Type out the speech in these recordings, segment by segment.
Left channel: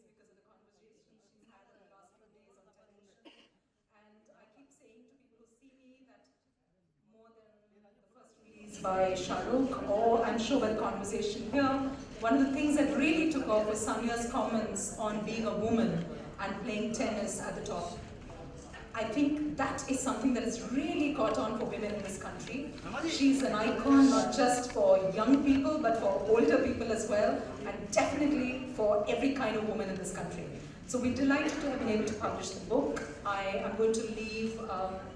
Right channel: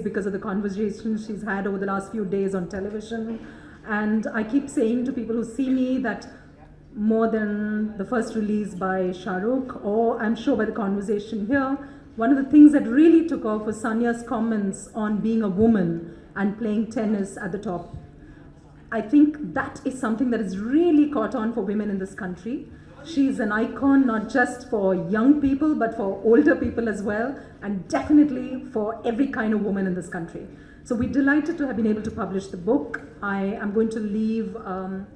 because of the conversations she's had over the last few days on television. And I keep saying to people who see me that more than the first release by Shah Rukh, or I'm sure by the conversation here, one of the things that really took off was Sania's comments on being a woman and playing tennis at the top. I think that is something that has really caught on for women in this country. She's an icon not just for young people but for older people as well, and definitely for every kind of woman in this country. So we're delighted to have been able to publish the book. I am going to leave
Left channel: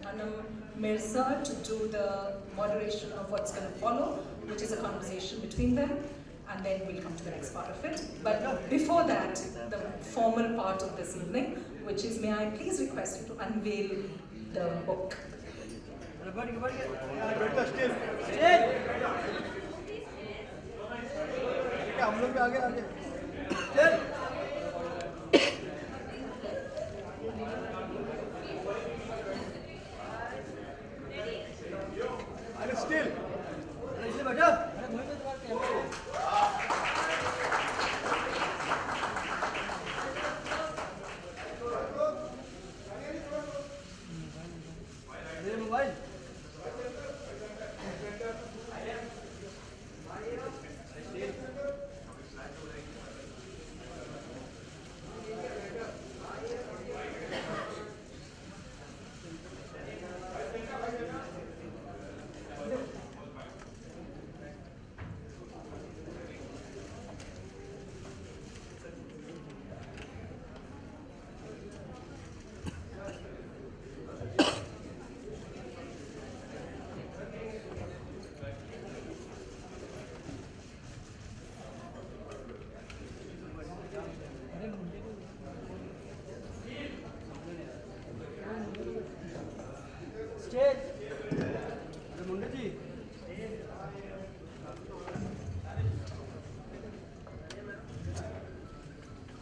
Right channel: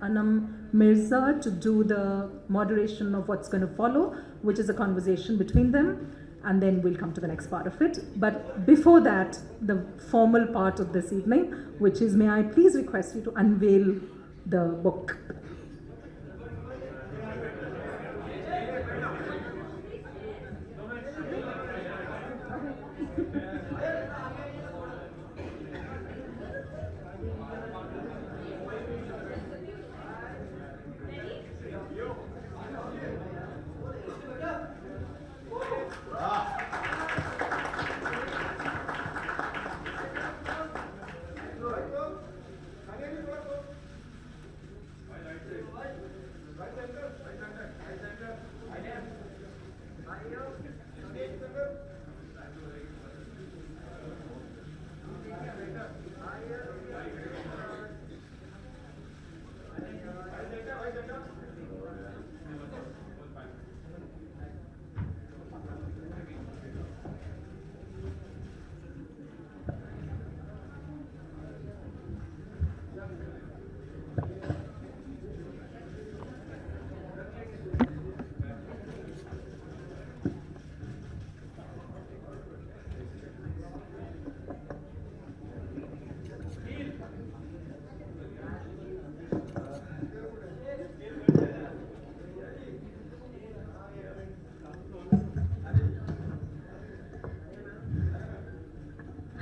Anam Mirza to do the moderation of what's going to follow, which is a conversation between them, and then we'll come to the next part of it. But before that, the formal part of this evening, which is, may I please request you to unveil the book.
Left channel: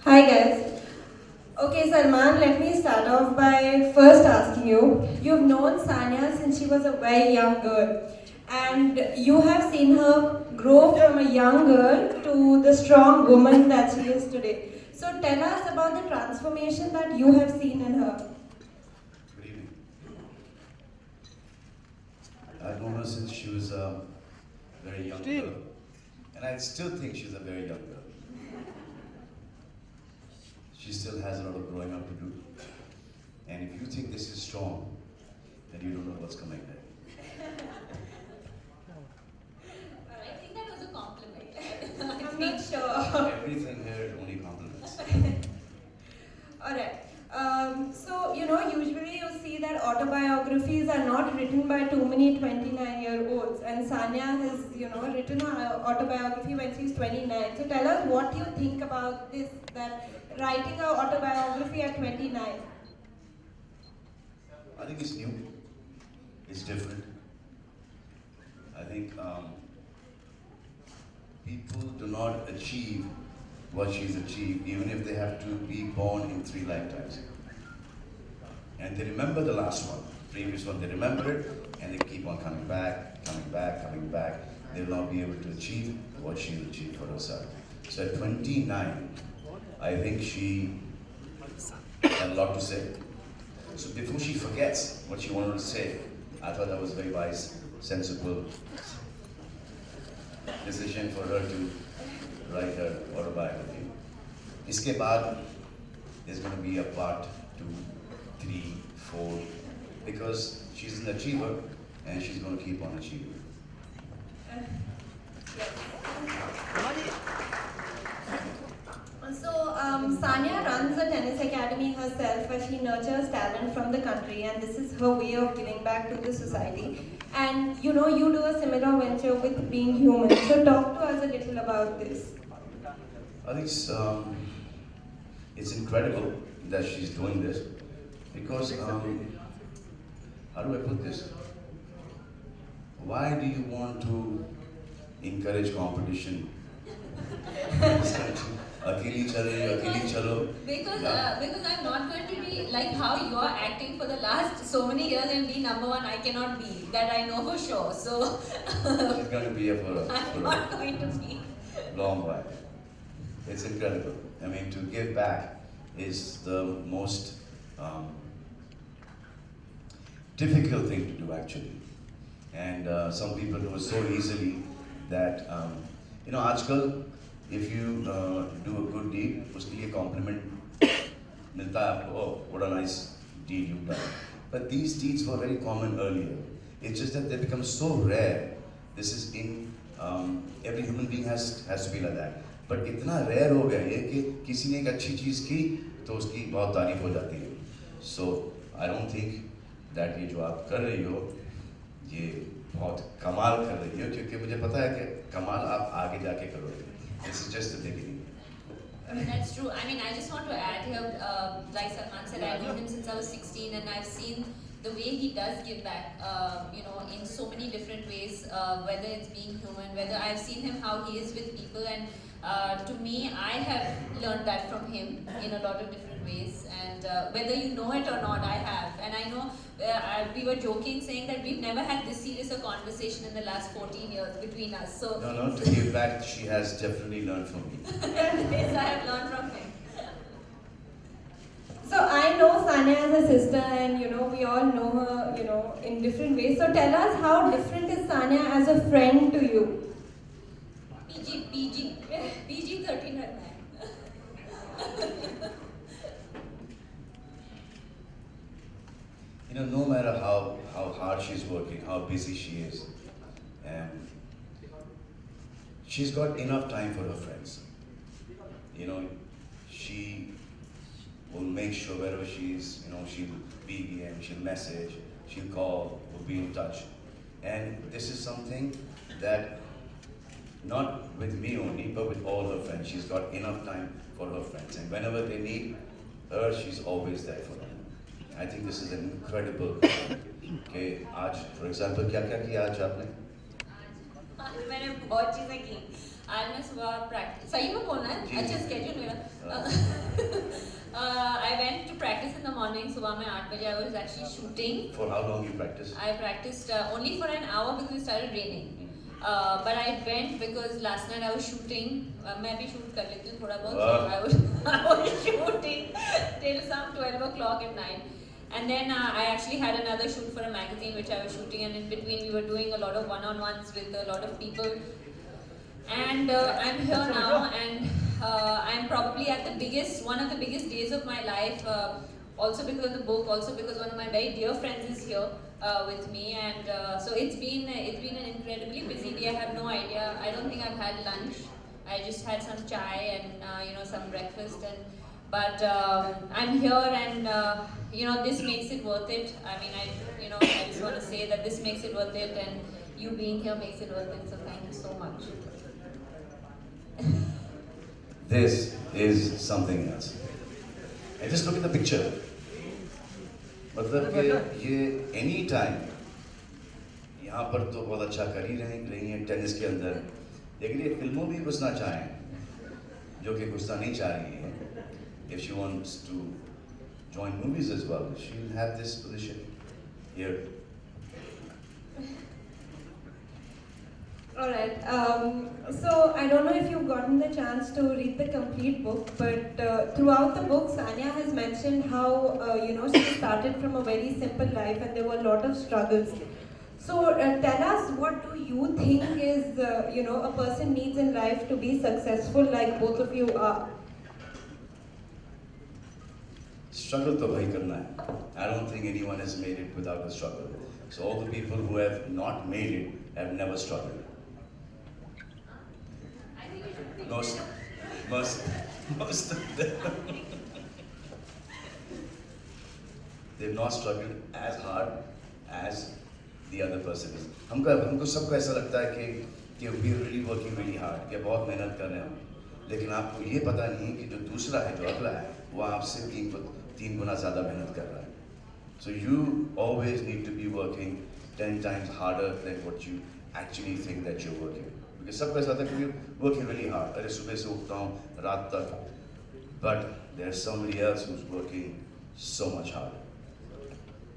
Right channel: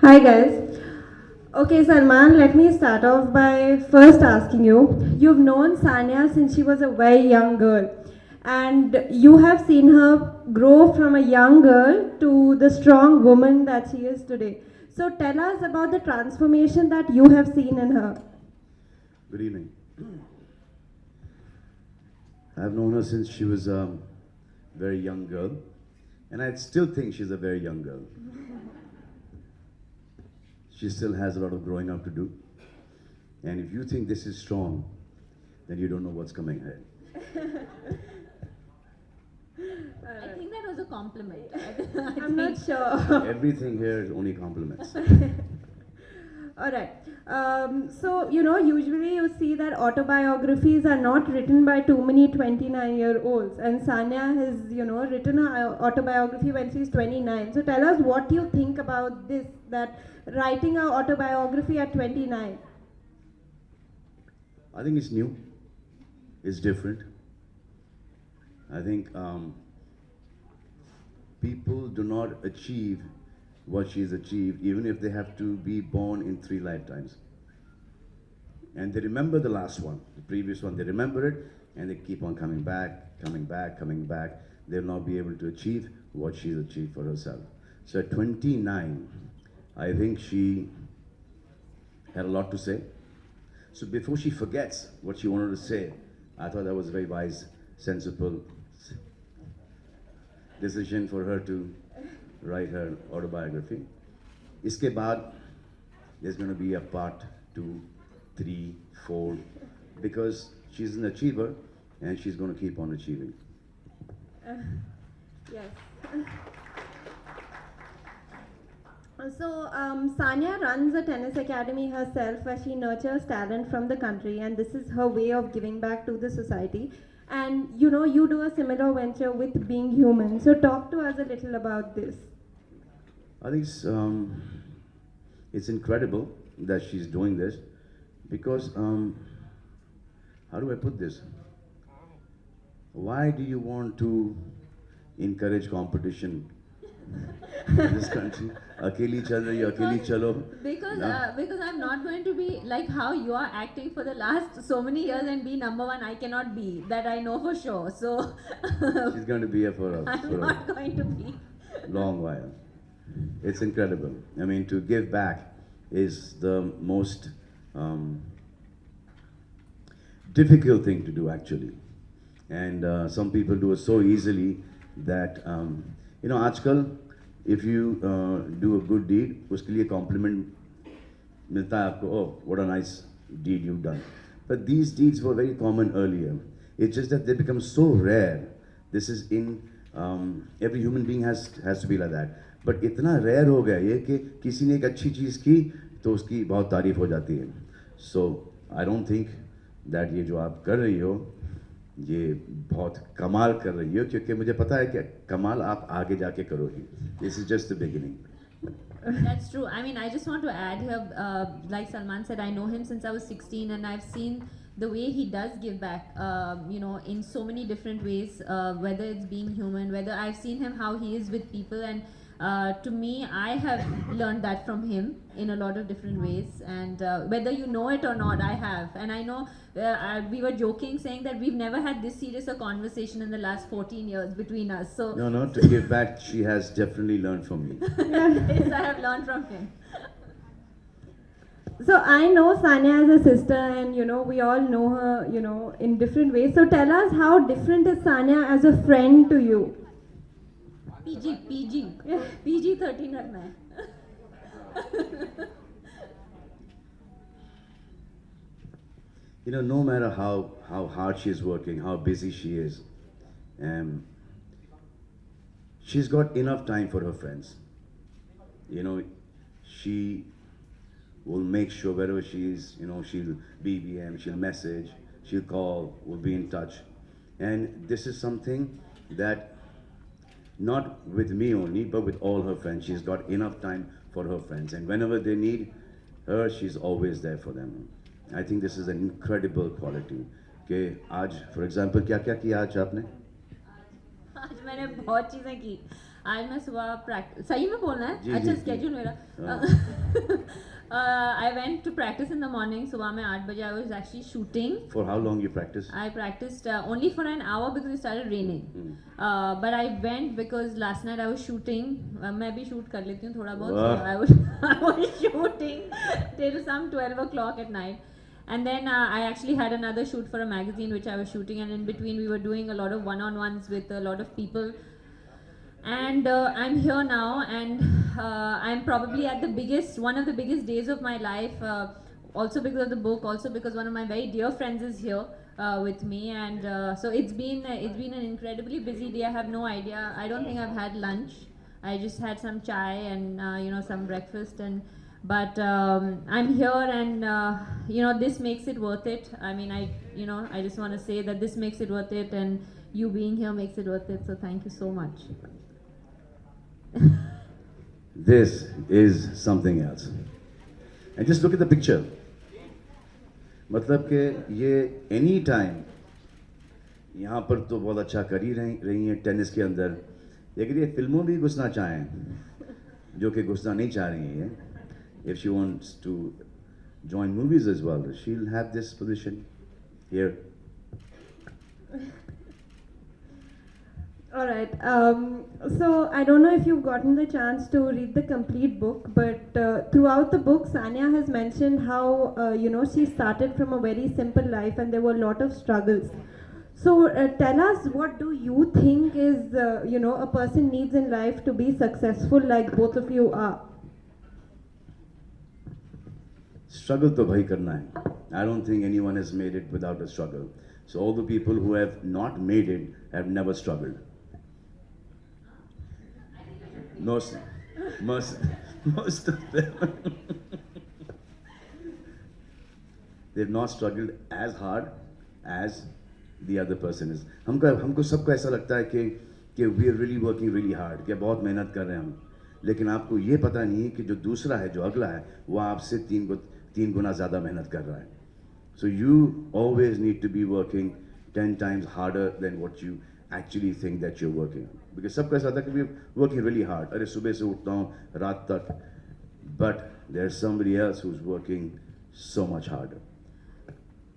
Hi guys. Okay, Salman, let me start off by first asking you. You've known Sania since she was a very young girl, and you have seen her grow from a young girl to the strong woman that she is today. So tell us about the transformation that you have seen in her. Good evening. I've known her since she was a very young girl, and I still think she's a very young girl. She still has a lot of growing up to do. And if you think this is strong, then you don't know what's coming ahead. I think that was a compliment. I'm not sure. Everything here is only compliments. Alright. So, usually you see that autobiographies are not written by too many 29-year-olds. And Sania has, written her autobiography when she's 29. So tell us what you think about this, that writing an autobiography at 29. I think it's new. It's different. I think people do not achieve what she's achieved, even if they have to be born in 3 lifetimes. And they remember the last one, previous one, they remember it, and they keep on coming back, coming back, coming back. They will not be able to achieve what she's achieved for herself. So at 29, I think she had a lot to say. So before she forgets what she wanted to say, I thought that was a very wise, sensible decision for her to write her autobiography. Iske baad, there's going to be a part 2, 3, 4, because she's an achiever and she's going to keep on achieving. So, Sania runs a tennis academy herself where she nurtures talent from the country, and this is her way of giving back to the society. And you do a similar venture with Being Human. So talk to us a little about this. I think it's incredible that she's doing this because, how do I put this? Why do you want to encourage competition in this country? Akeli chalo, akeli chalo. Because I'm not going to be like how you are acting for the last so many years and be number one. I cannot be. That I know for sure. So She's going to be here for I'm not going to be. a long while. It's incredible. I mean, to give back is the most difficult thing to do, actually. And some people do it so easily that, आजकल if you do a good deed, उसके लिए compliment मिलता है आपको, oh, what a nice deed you've done. But these deeds were very common earlier. It's just that they become so rare. This is in every human being has to be like that. But इतना rare हो गया ये कि किसी ने एक अच्छी चीज़ की तो उसकी बहुत तारीफ हो जाती है. So I don't think that ये जो आप कर रही हो ये बहुत कमाल कर रही हो, क्योंकि मुझे पता है कि कमाल आप आगे जाके करोगे. This is just the beginning. That's true. I mean, I just want to add here, like Salman said, I know him since I was 16, and I've seen the way he does give back, in so many different ways, whether it's being human, whether I've seen him how he is with people, and to me, I have learned that from him in a lot of different ways, and whether you know it or not, I have. And I know we were joking saying that we've never had this serious a conversation in the last 14 years between us. So No, to give back, she has definitely learned from me. yes, I have learned from him. So I know Sanya as a sister, and we all know her, in different ways. So tell us, how different is Sanya as a friend to you? PG 13 रखना है. No matter how hard she is working, how busy she is, she's got enough time for her friends. She will make sure wherever she is, she'll BBM, she'll message, she'll call, we'll be in touch. And this is something that, not with me only, but with all her friends. She's got enough time for her friends. And whenever they need her, she's always there for them. I think this is an incredible quality. Okay, आज, for example, क्या किया आज आपने? आज मैंने बहुत चीजें की. आज मैं सुबह प्रैक्टिस, सही में बोलना है? जी, अच्छा जी. स्केड्यूल मेरा. I went to practice in the morning. सुबह में 8 बजे I was actually shooting. For how long you practice? I practiced only for an hour because it started raining. But I went because last night I was shooting. मैं भी shoot कर लेती हूँ थोड़ा बहुत. So I was shooting till some 12 o'clock at night. And then I actually had another shoot for a magazine which I was shooting, and in between we were doing a lot of one-on-ones with a lot of people. And I'm here now, and I'm probably at one of the biggest days of my life. Also because of the book, also because one of my very dear friends is here with me, and so it's been an incredibly busy day. I have no idea. I don't think I've had lunch. I just had some chai and some breakfast, but I'm here, and this makes it worth it. I mean, I just want to say that this makes it worth it, and you being here makes it worth it. So thank you so much. This is something else. And just look at the picture. मतलब कि ये any time यहाँ पर तो बहुत अच्छा कर ही रही हैं टेनिस के अंदर, लेकिन ये फिल्मों भी घुसना चाहें जो कि घुसना नहीं चाह रही हैं. If she wants to join movies as well, she'll have this position here. All right. So I don't know if you've gotten the chance to read the complete book, but throughout the book, Sanya has mentioned how she started from a very simple life, and there were a lot of struggles. So tell us, what do you think is a person needs in life to be successful, like both of you are? Struggle to bhai karna hai. I don't think anyone has made it without a struggle. So all the people who have not made it have never struggled. Most of them. They've not struggled as hard as the other person is. हमको सबको ऐसा लगता है कि we are really working really hard, कि बहुत मेहनत कर रहे हैं हम. लेकिन आपको ये पता नहीं है कि जो दूसरा है, जो अगला है, वो आपसे तीन गुना ज़्यादा मेहनत कर रहा है. So you always need to be working 10 times harder than what you actually think that you're working. Because सबका ऐसा था कि we're working really hard. अरे सुबह से उठता हूँ रात तक. But there's somebody else who's working so much harder.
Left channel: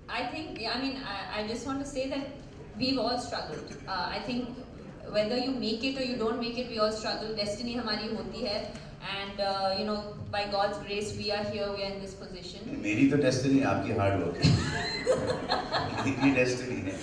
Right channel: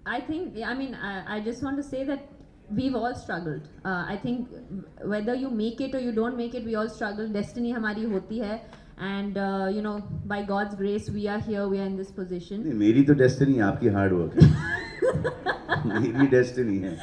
I think, I just want to say that we've all struggled. I think whether you make it or you don't make it, we all struggle. Destiny हमारी होती है. and you know, by God's grace, we are here, we are in this position. नहीं, मेरी तो destiny आपकी hard work मेरी destiny है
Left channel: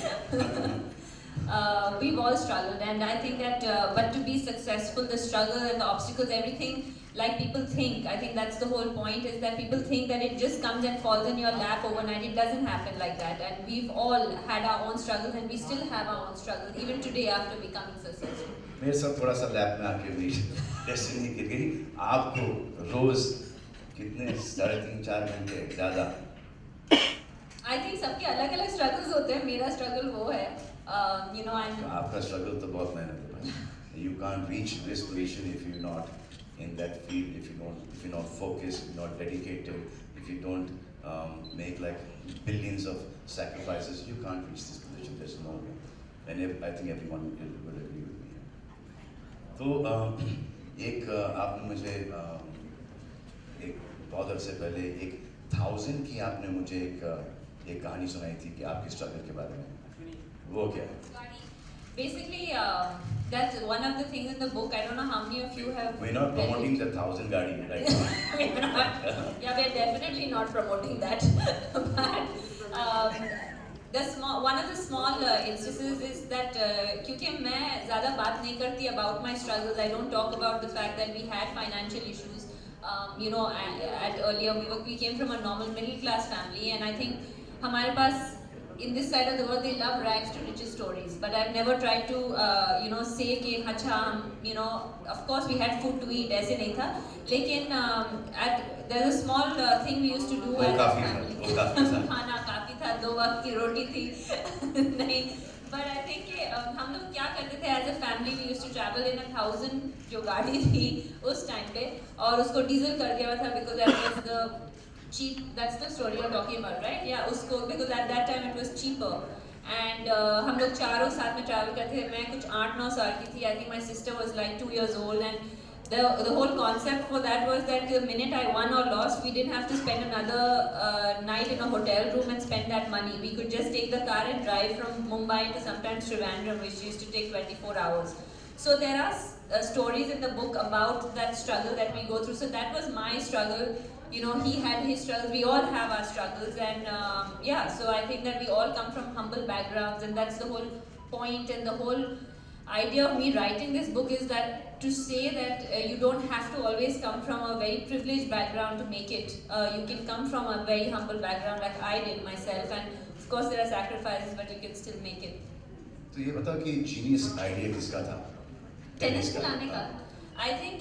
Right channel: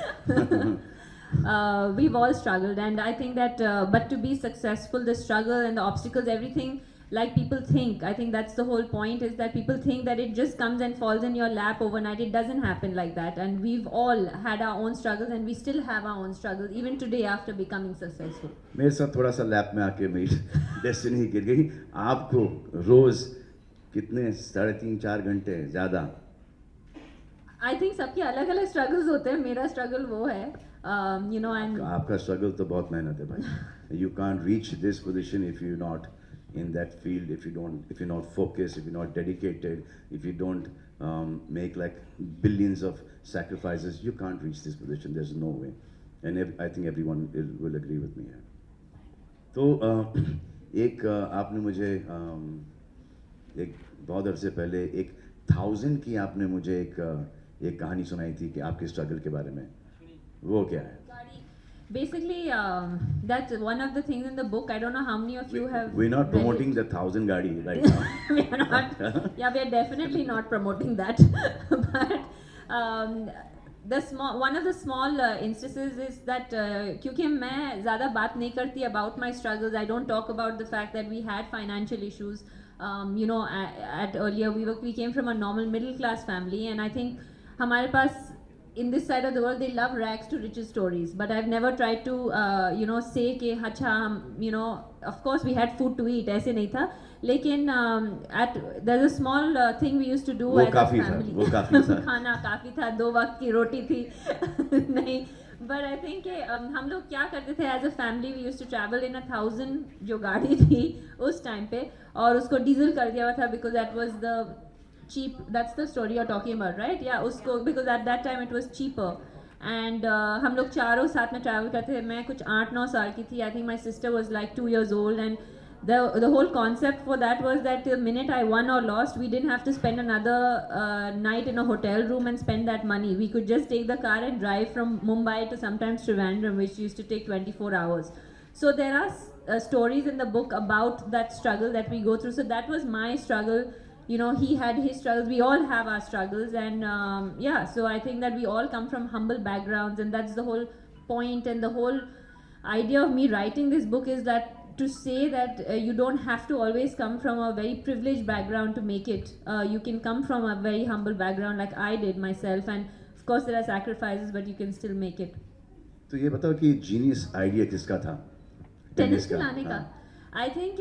We've all struggled, and I think that, but to be successful, the struggle and the obstacles, everything, like people think, I think that's the whole point, is that people think that it just comes and falls in your lap overnight. It doesn't happen like that, and we've all had our own struggles, and we still have our own struggles, even today after becoming successful. मेरे साथ थोड़ा सा lab में आके मेरी destiny गिर गई आपको रोज कितने 3.5-4 घंटे ज़्यादा I think सबके अलग अलग struggles होते हैं. मेरा struggle वो है, you know, and आपका स्ट्रगल तो बहुत मेहनत है भाई you can't reach this position if you're not in that field, if you're not focused, if you're not dedicated, if you don't make like billions of sacrifices, you can't reach this position. There's no way, and I think everyone will agree with me. तो एक आपने मुझे एक बहुत अरसे पहले 1000 की आपने मुझे एक कहानी सुनाई थी कि आपके स्ट्रगल के बारे में वो क्या है basically, that's one of the things in the book. I don't know how many of you have. We're not read promoting it. the 1000 गाड़ी right now. We're not. Yeah, we're definitely not promoting that. But one of the small instances is that क्योंकि मैं ज़्यादा बात नहीं करती about my struggles. I don't talk about the fact that we had financial issues. You know, at earlier we came from a normal middle class family, and I think हमारे पास in this side of the world, they love rags to riches stories. But I've never tried to, you know, say कि अच्छा, you know, of course we had food to eat, ऐसे नहीं था. लेकिन there's a small thing we used to do वो as a काफी था family. वो काफी था खाना काफी था 2 वक्त की रोटी थी नहीं. But I think कि हम लोग क्या करते थे as a family, we used to travel in 1000 जो गाड़ी थी उस टाइम पे, और उसको डीजल कर दिया हुआ था because that was the cheap. That's the story you're talking about, right? Yeah, usko, because at that time it was cheaper. And हम लोग चारों साथ में travel करते थे. मैं कुछ 8-9 साल की थी. I think my sister was like 2 years old, and the whole concept for that was that the minute I won or lost, we didn't have to spend another night in a hotel room and spend that money. We could just take the car and drive from Mumbai to sometimes Trivandrum, which used to take 24 hours. So there are stories in the book about that struggle that we go through. So that was my struggle. You know, he had his struggles, we all have our struggles, and yeah, so I think that we all come from humble backgrounds, and that's the whole point, and the whole idea of me writing this book is that to say that you don't have to always come from a very privileged background to make it. You can come from a very humble background like I did myself, and of course there are sacrifices, but you can still make it. तो ये बताओ कि genius idea किसका था tennis खिलाने का I think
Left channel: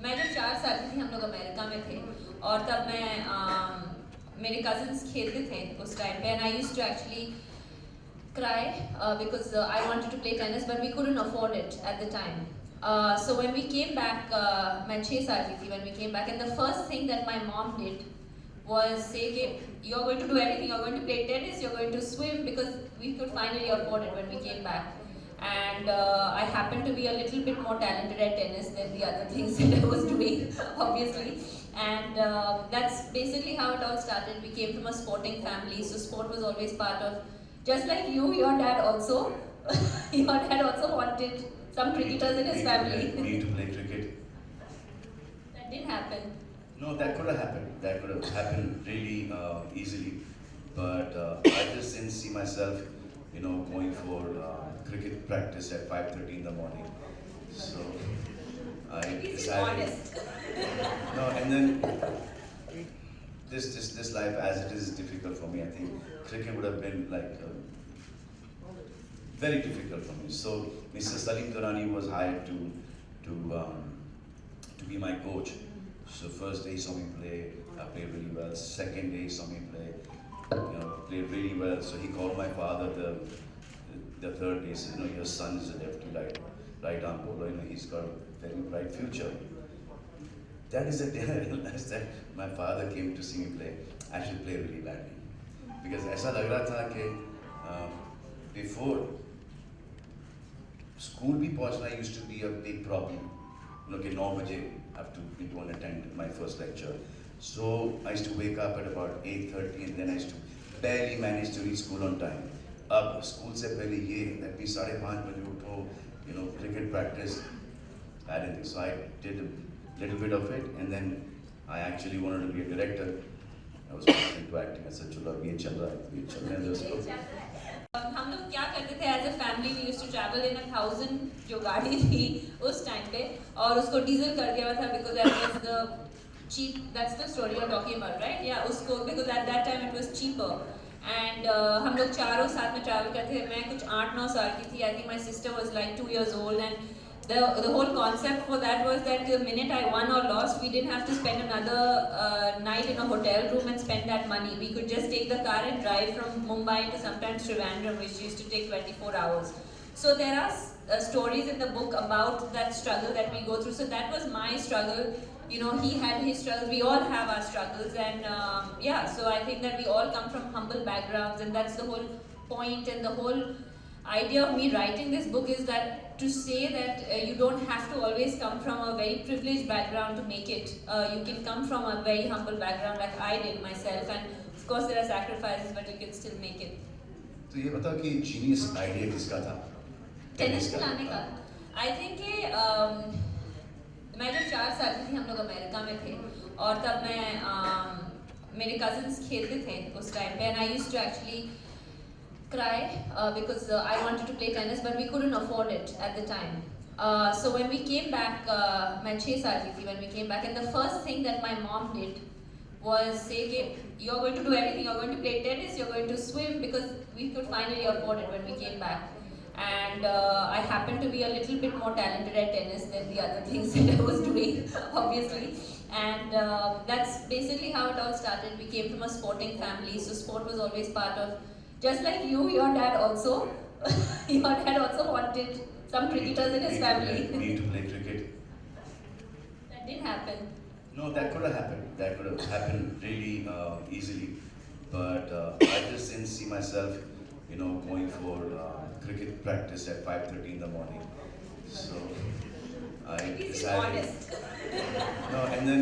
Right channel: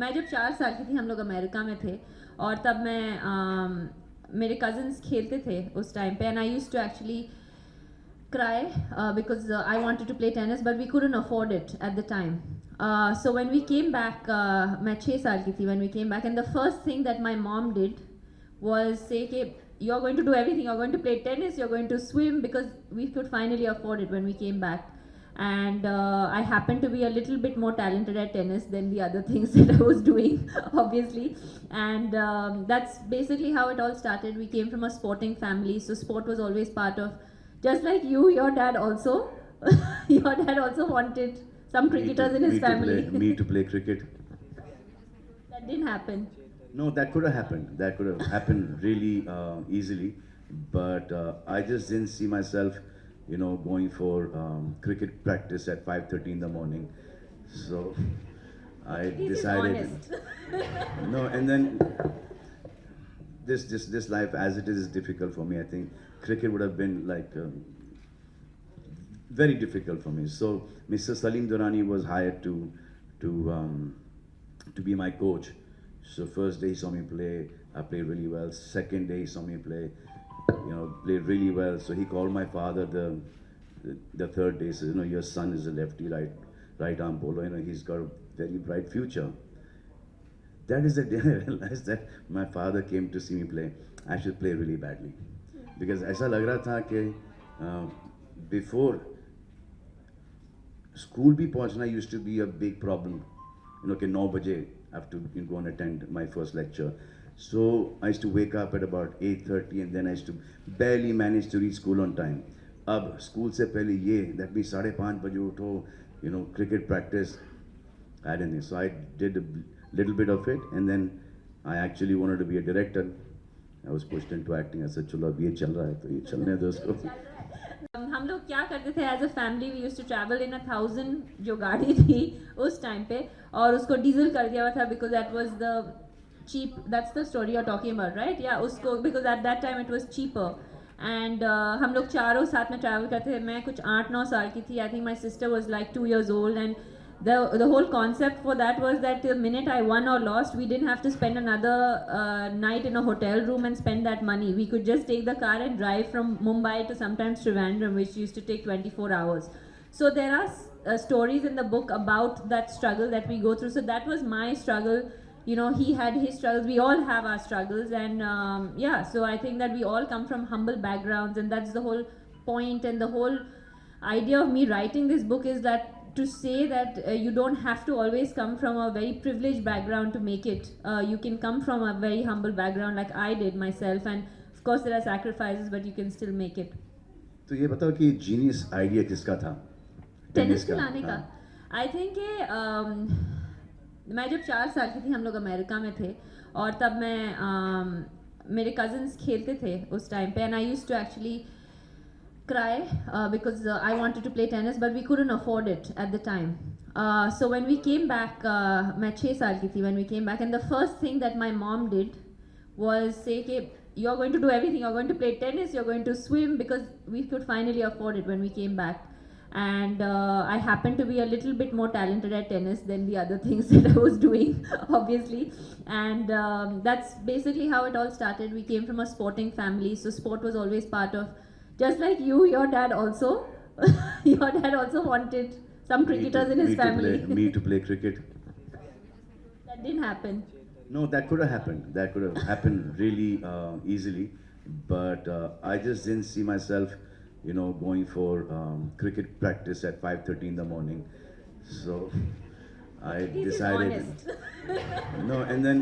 मैं जब 4 साल की थी हम लोग अमेरिका में थे, और तब मैं मेरे कजिन्स खेलते थे उस टाइम पे, and I used to actually cry because I wanted to play tennis, but we couldn't afford it at the time. So when we came back, मैं 6 साल की थी when we came back, and the first thing that my mom did was say कि you're going to do everything, you're going to play tennis, you're going to swim, because we could finally afford it when we came back. And I happened to be a little bit more talented at tennis than the other things that I was doing, obviously. And that's basically how it all started. We came from a sporting family, so sport was always part of. Just like you, your dad also, your dad also wanted some cricketers in his family. Me to play cricket. That didn't happen. No, that could have happened. That could have happened really easily, but I just didn't see myself, you know, going for cricket practice at 5:30 in the morning. So I decided. No, and then this life as it is difficult for me. I think cricket would have been like very difficult for me. So Mr. Salim Durrani was hired to be my coach. So first day he saw me play, I played really well. Second day he saw me play, you know, played really well. So he called my father the third day. Said, you know, your son is a lefty, right arm bowler. You know, he's got a very bright future. That is the day I realized that my father came to see me play. I should play really badly, because ऐसा लग रहा था कि before school भी पहुंचना used to be a big problem. You know, कि 9 बजे I have to go and attend my first lecture. So I used to wake up at about 8:30, and then I used to barely manage to reach school on time. अब school से पहले ये that means 5:30 बजे उठो, you know, cricket practice. I didn't. So I did a little bit of it, and then I actually wanted to be a director. I was pushed into acting. I said, "चलो अब ये चल रहा है तो ये चलने दो इसको." हम लोग क्या करते थे as a family we used to travel in 1000 जो गाड़ी थी उस टाइम पे और उसको डीजल कर दिया हुआ था because that was the cheap, that's the story you're talking about, right? Yeah, usko, because at that time it was cheaper. And हम लोग चारों साथ में travel करते थे. मैं कुछ 8-9 साल की थी. I think my sister was like 2 years old, and the whole concept for that was that the minute I won or lost, we didn't have to spend another night in a hotel room and spend that money. We could just take the car and drive from Mumbai to sometimes Trivandrum, which used to take 24 hours. So there are stories in the book about that struggle that we go through. So that was my struggle. You know, he had his struggles, we all have our struggles, and yeah, so I think that we all come from humble backgrounds, and that's the whole point. And the whole idea of me writing this book is that to say that you don't have to always come from a very privileged background to make it. You can come from a very humble background like I did myself, and of course there are sacrifices, but you can still make it. तो ये बताओ कि genius idea किसका था? Tennis खिलाने का I think मैं जब 4 साल की थी हम लोग अमेरिका में थे और तब मैं मेरे कजिन्स खेलते थे उस टाइम पे and I used to actually cry because I wanted to play tennis but we couldn't afford it at the time. So when we came back, मैं 6 साल की थी when we came back, and the first thing that my mom did was say कि you're going to do everything, you're going to play tennis, you're going to swim, because we could finally afford it when we came back. And I happened to be a little bit more talented at tennis than the other things that I was doing, obviously. And that's basically how it all started. We came from a sporting family, so sport was always part of. Just like you, your dad also, your dad also wanted some cricketers in his family. Me to play cricket. That didn't happen. No, that could have happened. That could have happened really easily, but I just didn't see myself, you know, going for cricket practice at 5:30 in the morning. So I He's decided. honest. No, and then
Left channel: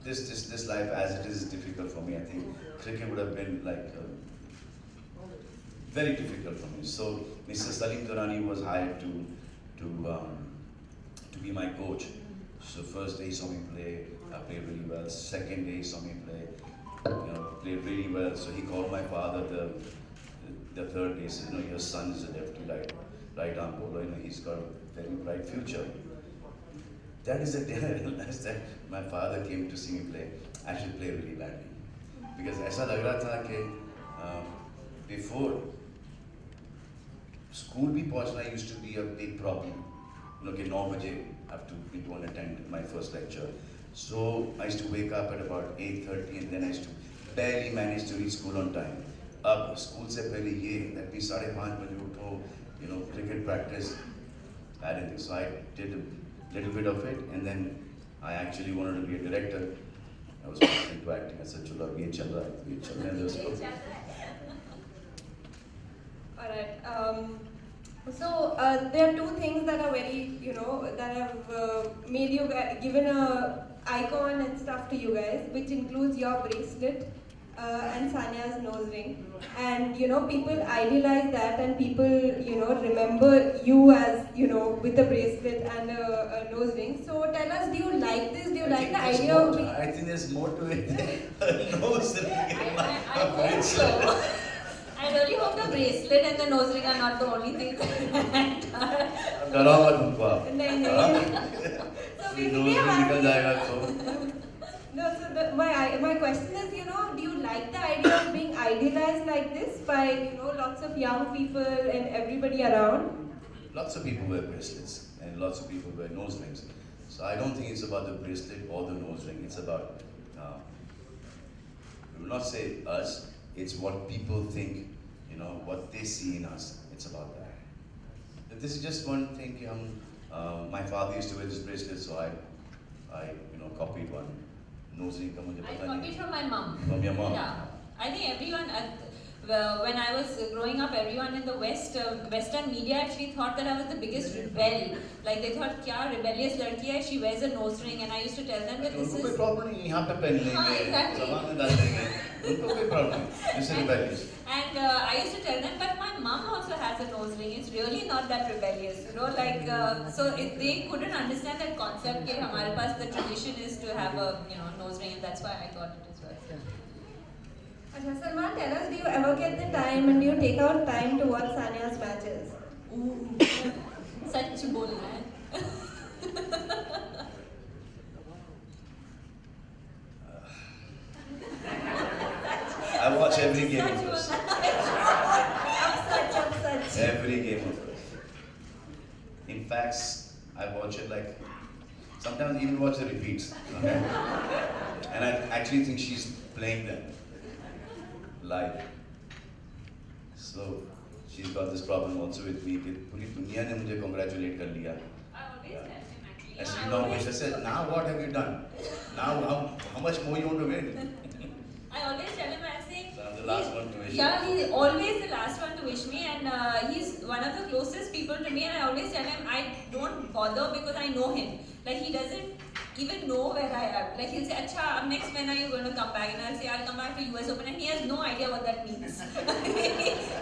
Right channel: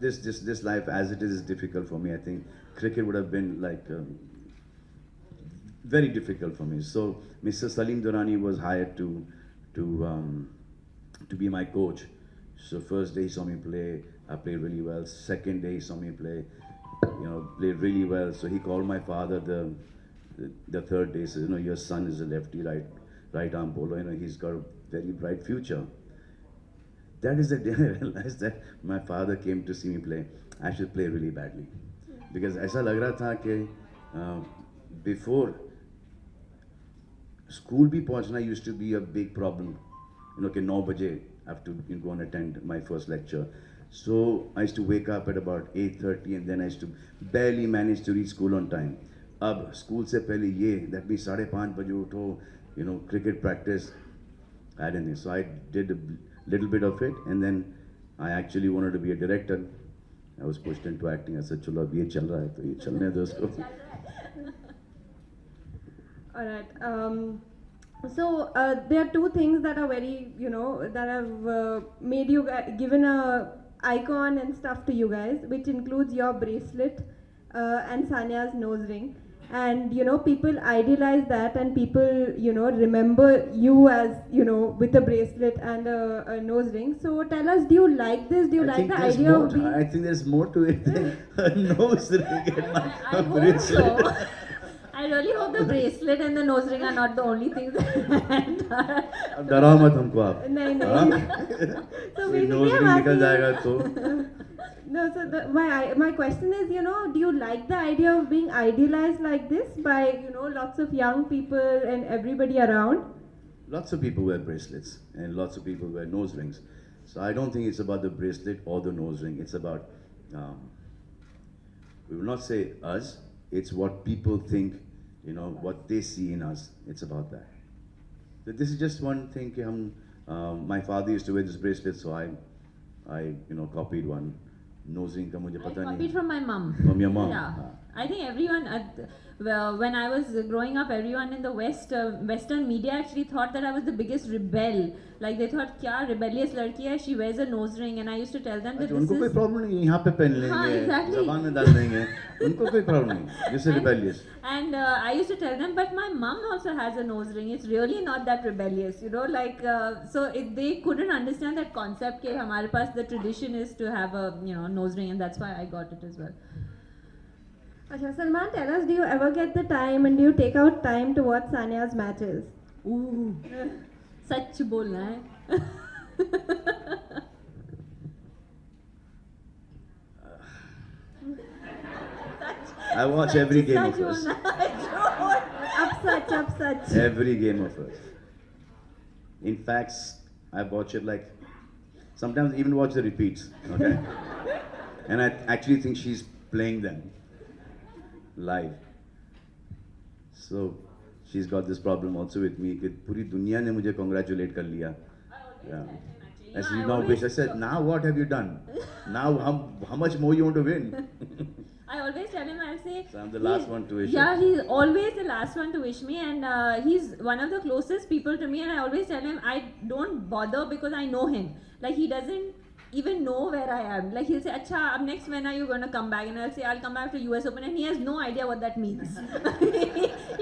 this life as it is difficult for me. I think cricket would have been like very difficult for me. So Mr. Salim Durrani was hired to be my coach. So first day he saw me play, I played really well. Second day he saw me play, you know, played really well. So he called my father the third day. Said, you know, your son is a lefty right arm bowler. You know, he's got a very bright future. That is the day I realized that my father came to see me play. I should play really badly. Because ऐसा लग रहा था कि before school भी पहुंचना used to be a big problem. You know कि 9 बजे I have to go and attend my first lecture. So I used to wake up at about 8:30 and then I used to barely manage to reach school on time. अब school से पहले ये that means 5:30 बजे उठो, you know, cricket practice. I didn't know. So I did a little bit of it, and then I actually wanted to be a director. I was pushed into acting. I said, "चलो अब ये चल रहा है तो ये चलने दो इसको." All right. So there are two things that are very, you know, that have made you given a icon and stuff to you guys, which includes your bracelet and Sanya's nose ring. And you know, people idealize that, and people, you know, remember you as, you know, with a bracelet and a nose ring. So tell us, do you like this? Do you like the idea of being? I think there's more to it than a nose ring and I a hope bracelet. so. I really hope the bracelet and the nose ring are not the only things that डरा मत हमको आप। नहीं हाँ? नहीं. So कोई basically, nose I'm ring निकल asking. जाएगा तो No, so my question is, you know, do you like the idea of being idealized like this by, you know, lots of young people and everybody around? lots of people wear bracelets and lots of people wear nose rings. So I don't think it's about the bracelet or the nose ring. It's about, we will not say us, it's what people think, you know, what they see in us. It's about that. But this is just one thing. My father used to wear this bracelet, so I you know, copied one. Nose ring का मुझे I पता copied नहीं. from my mom. From your mom? Yeah. I think everyone, well, when I was growing up, everyone in the Western media actually thought that I was the biggest rebel. Like they thought, "Kya rebellious ladki hai? She wears a nose ring," and I used to tell them that तो this उनको कोई is. Problem नहीं, यहाँ पे पहन हाँ, लेंगे, exactly. जबान में डाल देंगे, उनको कोई प्रॉब्लम नहीं, this is rebellious. And I used to tell them, but my mom also has a nose ring. It's really not that rebellious, you know. Like so, they couldn't understand that concept. That हमारे पास the tradition is to have a nose ring, and that's why I got it as well. Okay, Salman, tell us, do you ever get the time and do you take out time to watch Sania's matches? Ooh, सच बोलना है. I watch every game of such hers. बोलना है. Upset. Every game of hers. In fact, I watch it like, sometimes even watch the repeats, okay? And I actually think she's playing them live. So she's got this problem also with me. With पूरी दुनिया ने मुझे congratulate कर लिया. Yeah. And she's not bitch. I said, now what have you done? Now how much more you want to win? I always tell him, I say. So I'm the last one to wish Yeah, him. he's always the last one to wish me, and he's one of the closest people to me. And I always tell him I don't bother because I know him. Like he doesn't even know where I am. Like he'll say, "Acha, next when are you going to come back?" And I'll say, "I'll come back for US Open," and he has no idea what that means.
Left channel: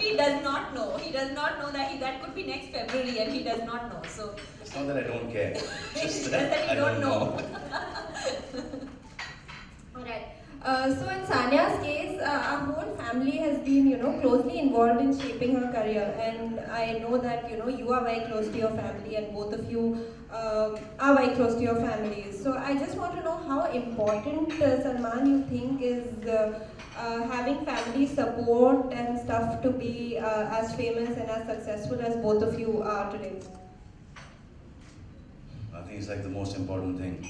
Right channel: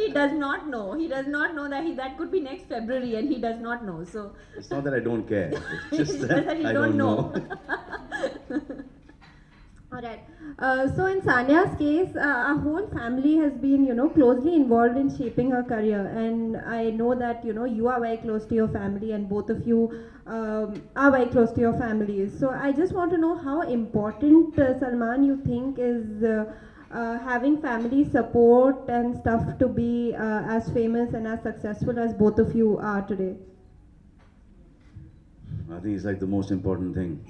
he does not know. He does not know that could be next February, and he does not know. So It's not that I don't care. It's just It's that just that you I don't don't know. know. Alright. So in Sania's case, our whole family has been, closely involved in shaping her career, and I know that you are very close to your family, and both of you are very close to your families. So I just want to know how important Salman you think is having family support and stuff to be as famous and as successful as both of you are today. I think it's like the most important thing.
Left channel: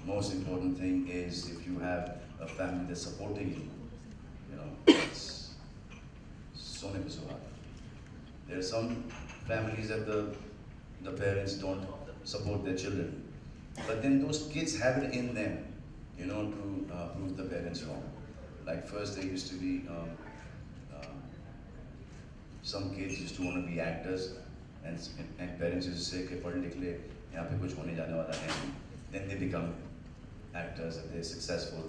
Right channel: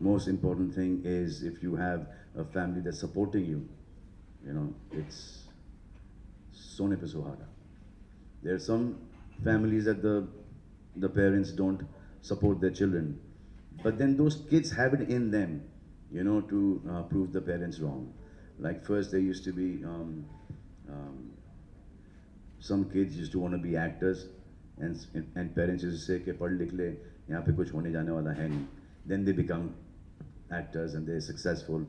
Most important thing is if you have a family that's supporting you, it's so never so hard. There are some families that the parents don't support their children, but then those kids have it in them, to prove the parents wrong. Like first there used to be some kids used to want to be actors, and parents used to say कि पढ़ लिख ले, यहाँ पे कुछ होने जाने वाला है नहीं. Then they become actors and they're successful.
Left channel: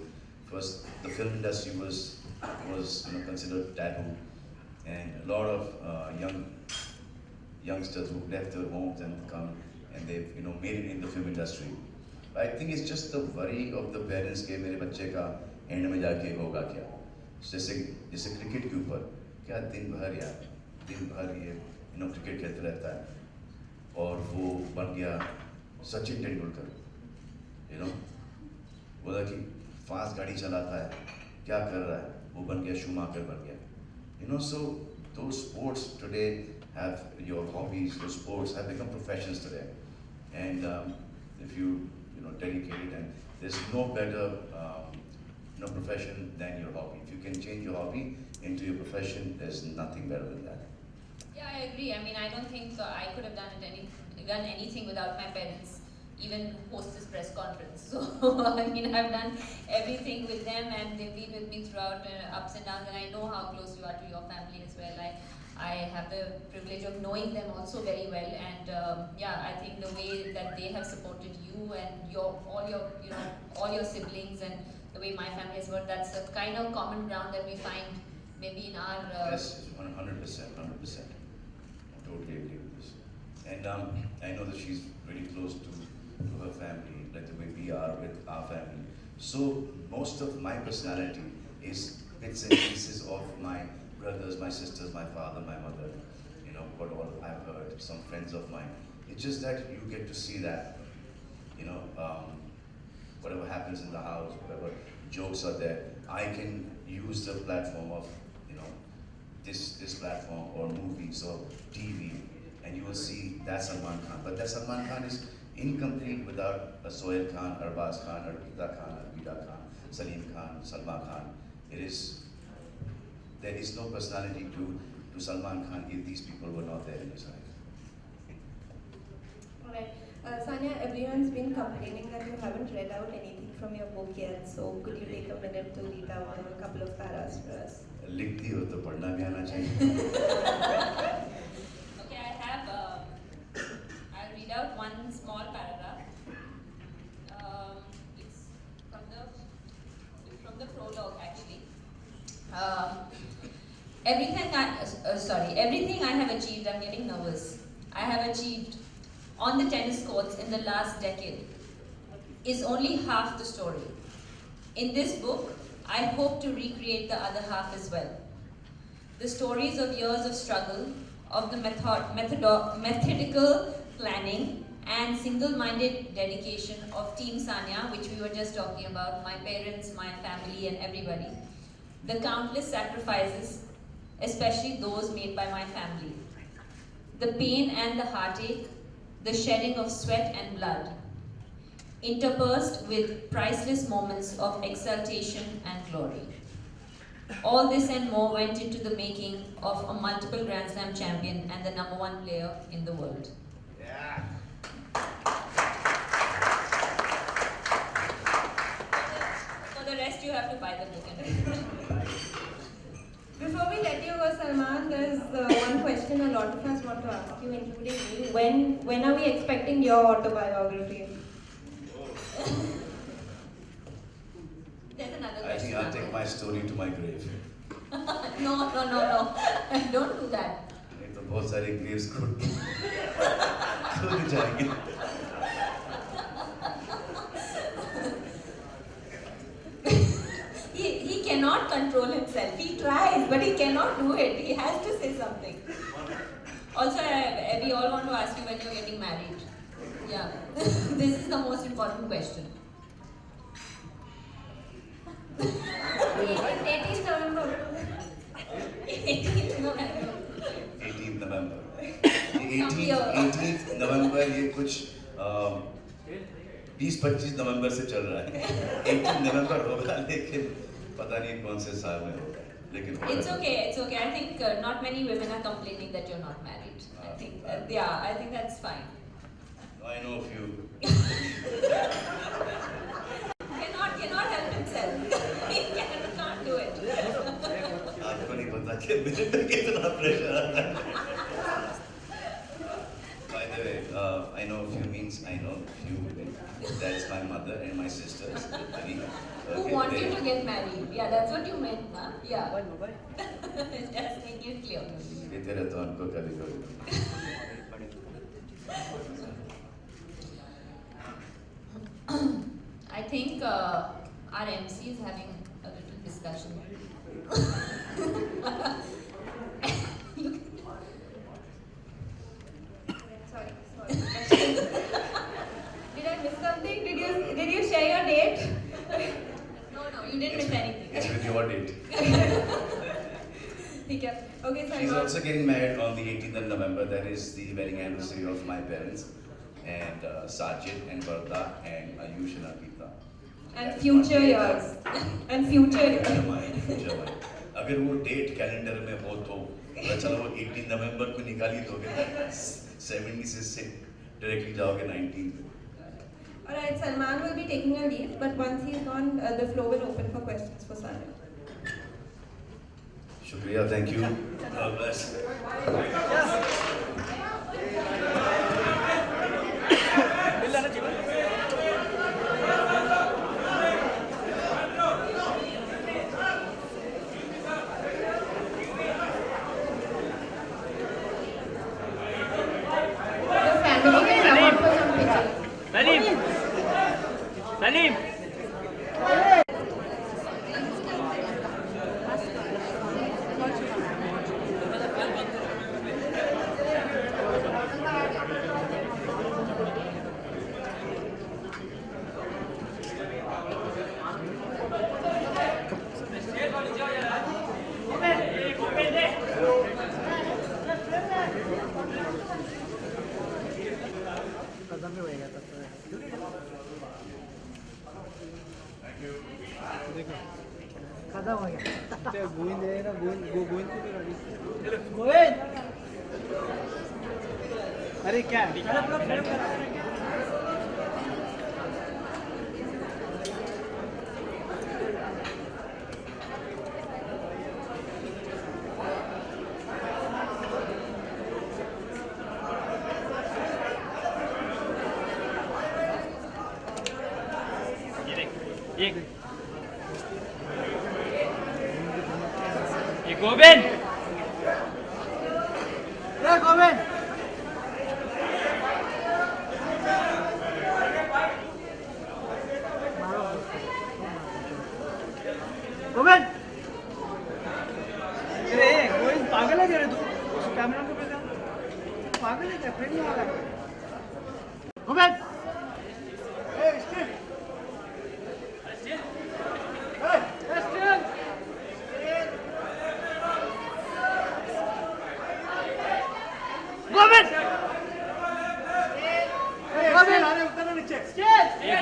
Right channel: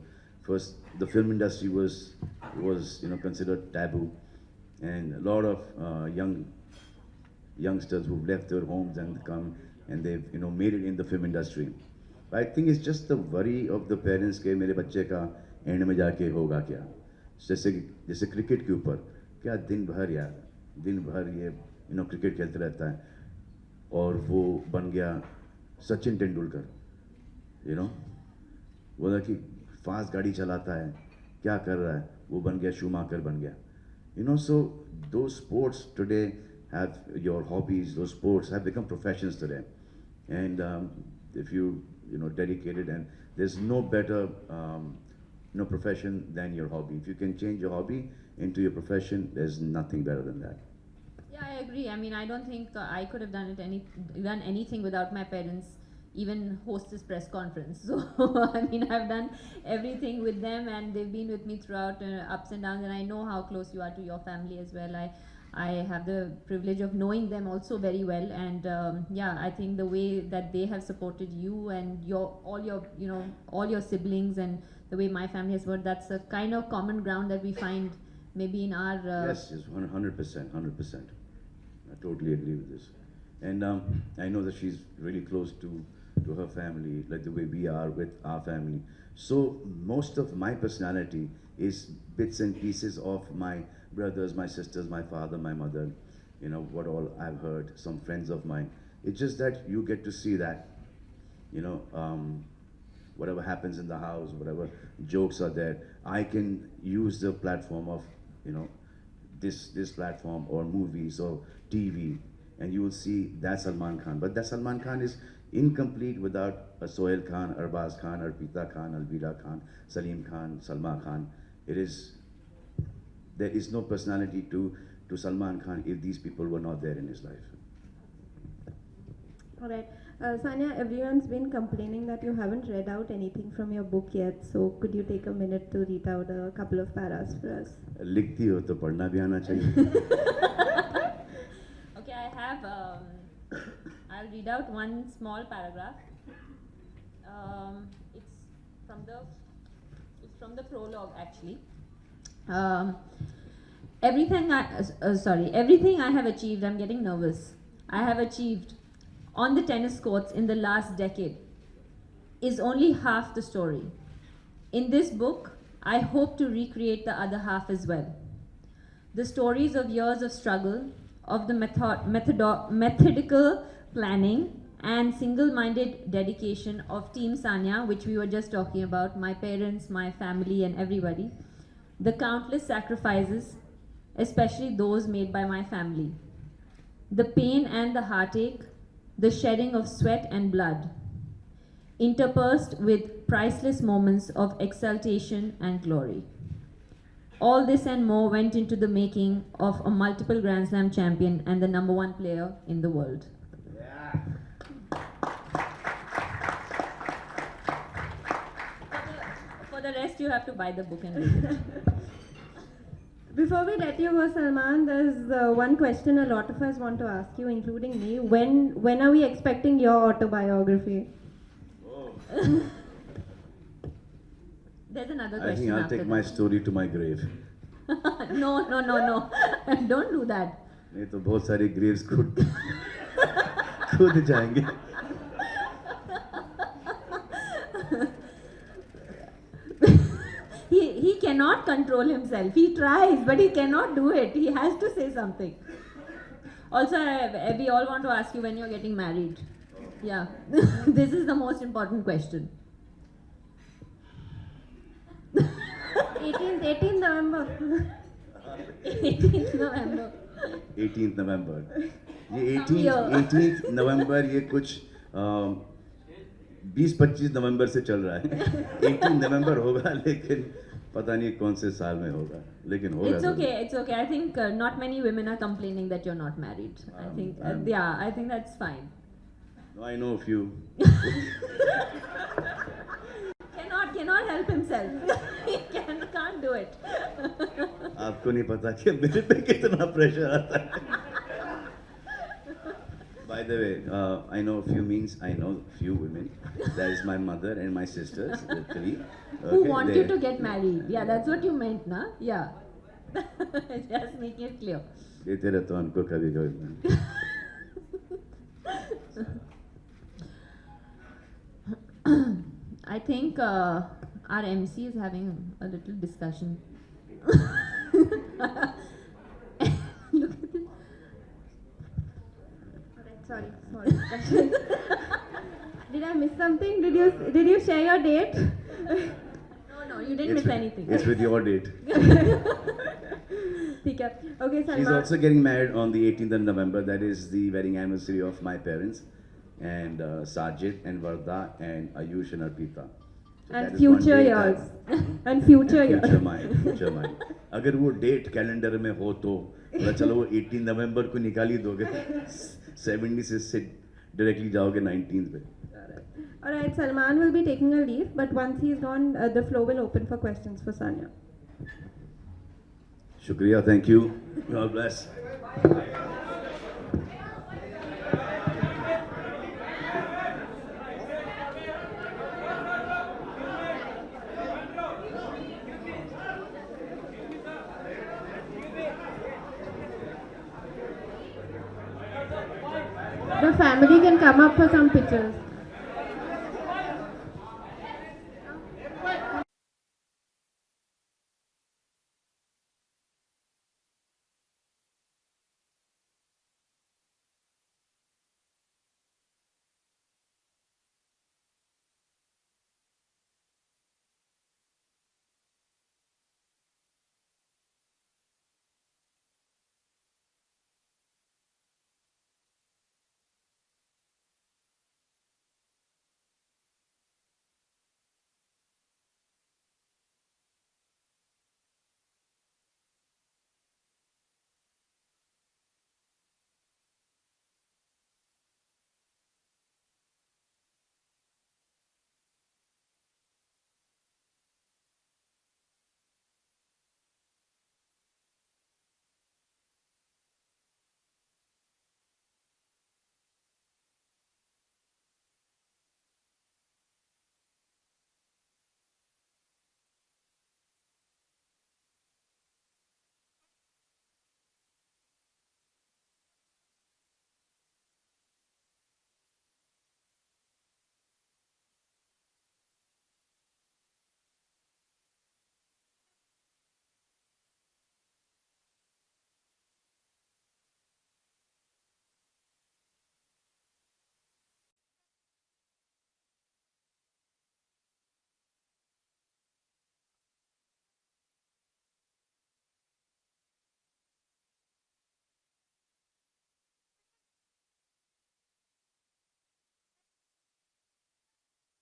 First, the film industry was considered taboo, and a lot of youngsters who left their homes and come and they've made it in the film industry. But I think it's just the worry of the parents कि मेरे बच्चे का and में जाके होगा क्या. जैसे cricket के ऊपर क्या दिन भर ये क्रिकेट खेलते रहता है और वो बन गया सचिन तेंदुलकर. वो कि फास्ट गाड़ी चलाता है, क्या कर रहा है, वो बन गया शूमाकर बन गया. So those sports today have your hobbies, those sports have become professions today. And if you dedicated, and there's no better profession than your hobby. If you can change your hobby into your profession, there's nothing better than that. yeah, I agree. I mean, I don't think I could have done anything without my parents. Even host this press conference. So I mean, I've done everything with them, and they've been with me throughout ups and downs. And I know how close you are to your family as well. I have the privilege of knowing them also very well, and yeah, I think the way that they have supported you and all your siblings, and the way my family has worked, that's a kind of common ground that we find maybe in our. Yes, it's 100%. I totally agree with this. And I know that she's really close to her family, like the way we are with our family. So most of my personality is bits and pieces of my brothers, my sisters, my father, my mother, what all I've heard, some friends of mine. It's just that you get to see that, whatever happens in the house, whatever jokes are there, I can use the platform of, this platform or movies or TV, and you will see that's Salman Khan. But that Salman Khan is incomplete without a Sohail Khan, Arbaz Khan, Arpita Khan, Alvida Khan, Salim Khan, Salma Khan. There is no personality to Salman Khan if these people were not there in his life. Alright. Sanya, everyone's been complaining that you haven't read out anything from your book yet, so could you take a minute to read out a couple of paras for us? लिखती हो तो पढ़ना भी आना चाहिए. Okay, I have. I'll read out one small paragraph. It's from the prologue actually. Everything I have achieved. I'm getting nervous. I have achieved on the tennis courts in the last decade is only half the story. In this book, I hope to recreate the other half as well. The stories of years of struggle, of the methodical planning and single-minded dedication of Team Sanya, which we were just talking about, my parents, my family and everybody. The countless sacrifices, especially those made by my family. The pain and the heartache, the shedding of sweat and blood, interspersed with priceless moments of exaltation and glory. All this and more went into the making of a multiple Grand Slam champion and the #1 player in the world. For the rest, you have to buy the book and read it. Before we let you go, Salman, there's one question a lot of us want to ask you, including me. When are we expecting your autobiography? There's another I question. think I'll after take that. my story to my grave. No. Don't do that. ये तो बहुत सारी graves को खुद जाएंगे. He cannot control himself. He tries, but he cannot do it. He has to say something. Also, we all want to ask you when you're getting married. Yeah. This is the most important question. 18 November. 18th November. 18th November. ये 18th November ये कुछ 20-25 नवंबर से चल रहा है. 18 नवंबर होगा लेकिन पता नहीं कौन से साल में होगा. लेकिन हो It's रहा है. okay. It's okay. I think not many women are complaining that you're not married. I think I think that's fine. I know a few. Cannot help himself. He can't do it. आपको नहीं पता कि मेरे पे कितना pressure आता है. By the way, I know a few means I know few women. That is my mother and my sisters, the three. Who want you to get married? Yeah, that's what you meant, na? Yeah. Just make it clear. देते रहता हूँ उनको कभी कभी. I think our MC is having a little discussion. Sorry. Did I miss something? Did you share your date? No, you didn't miss anything. It's with your date. ठीक है. Okay, She's Salman. also getting married on the 18th of November. That is the wedding anniversary of my parents and Sajid and Varda and Ayush and Arpita. And That is future one day years. And future years. future mine. अगर वो date calendar में हो तो चलो 18 नवंबर को निकाल ही दोगे. 70 से डायरेक्टली जाओगे 19 पे. Alright, Salman will be taking a leave, but once he's gone, the floor will open for questions for Sanya. शुक्रिया, thank you. God bless. The family can come up for some pictures. Salim! Govind है ना, गोविंद को भी गोविंद, अरे क्या है? एक गोविंद अरे गोविंद पागल है क्या रे तू कैमरा को पे पागल है क्या फ्रेंड में आ रहा है गोविंद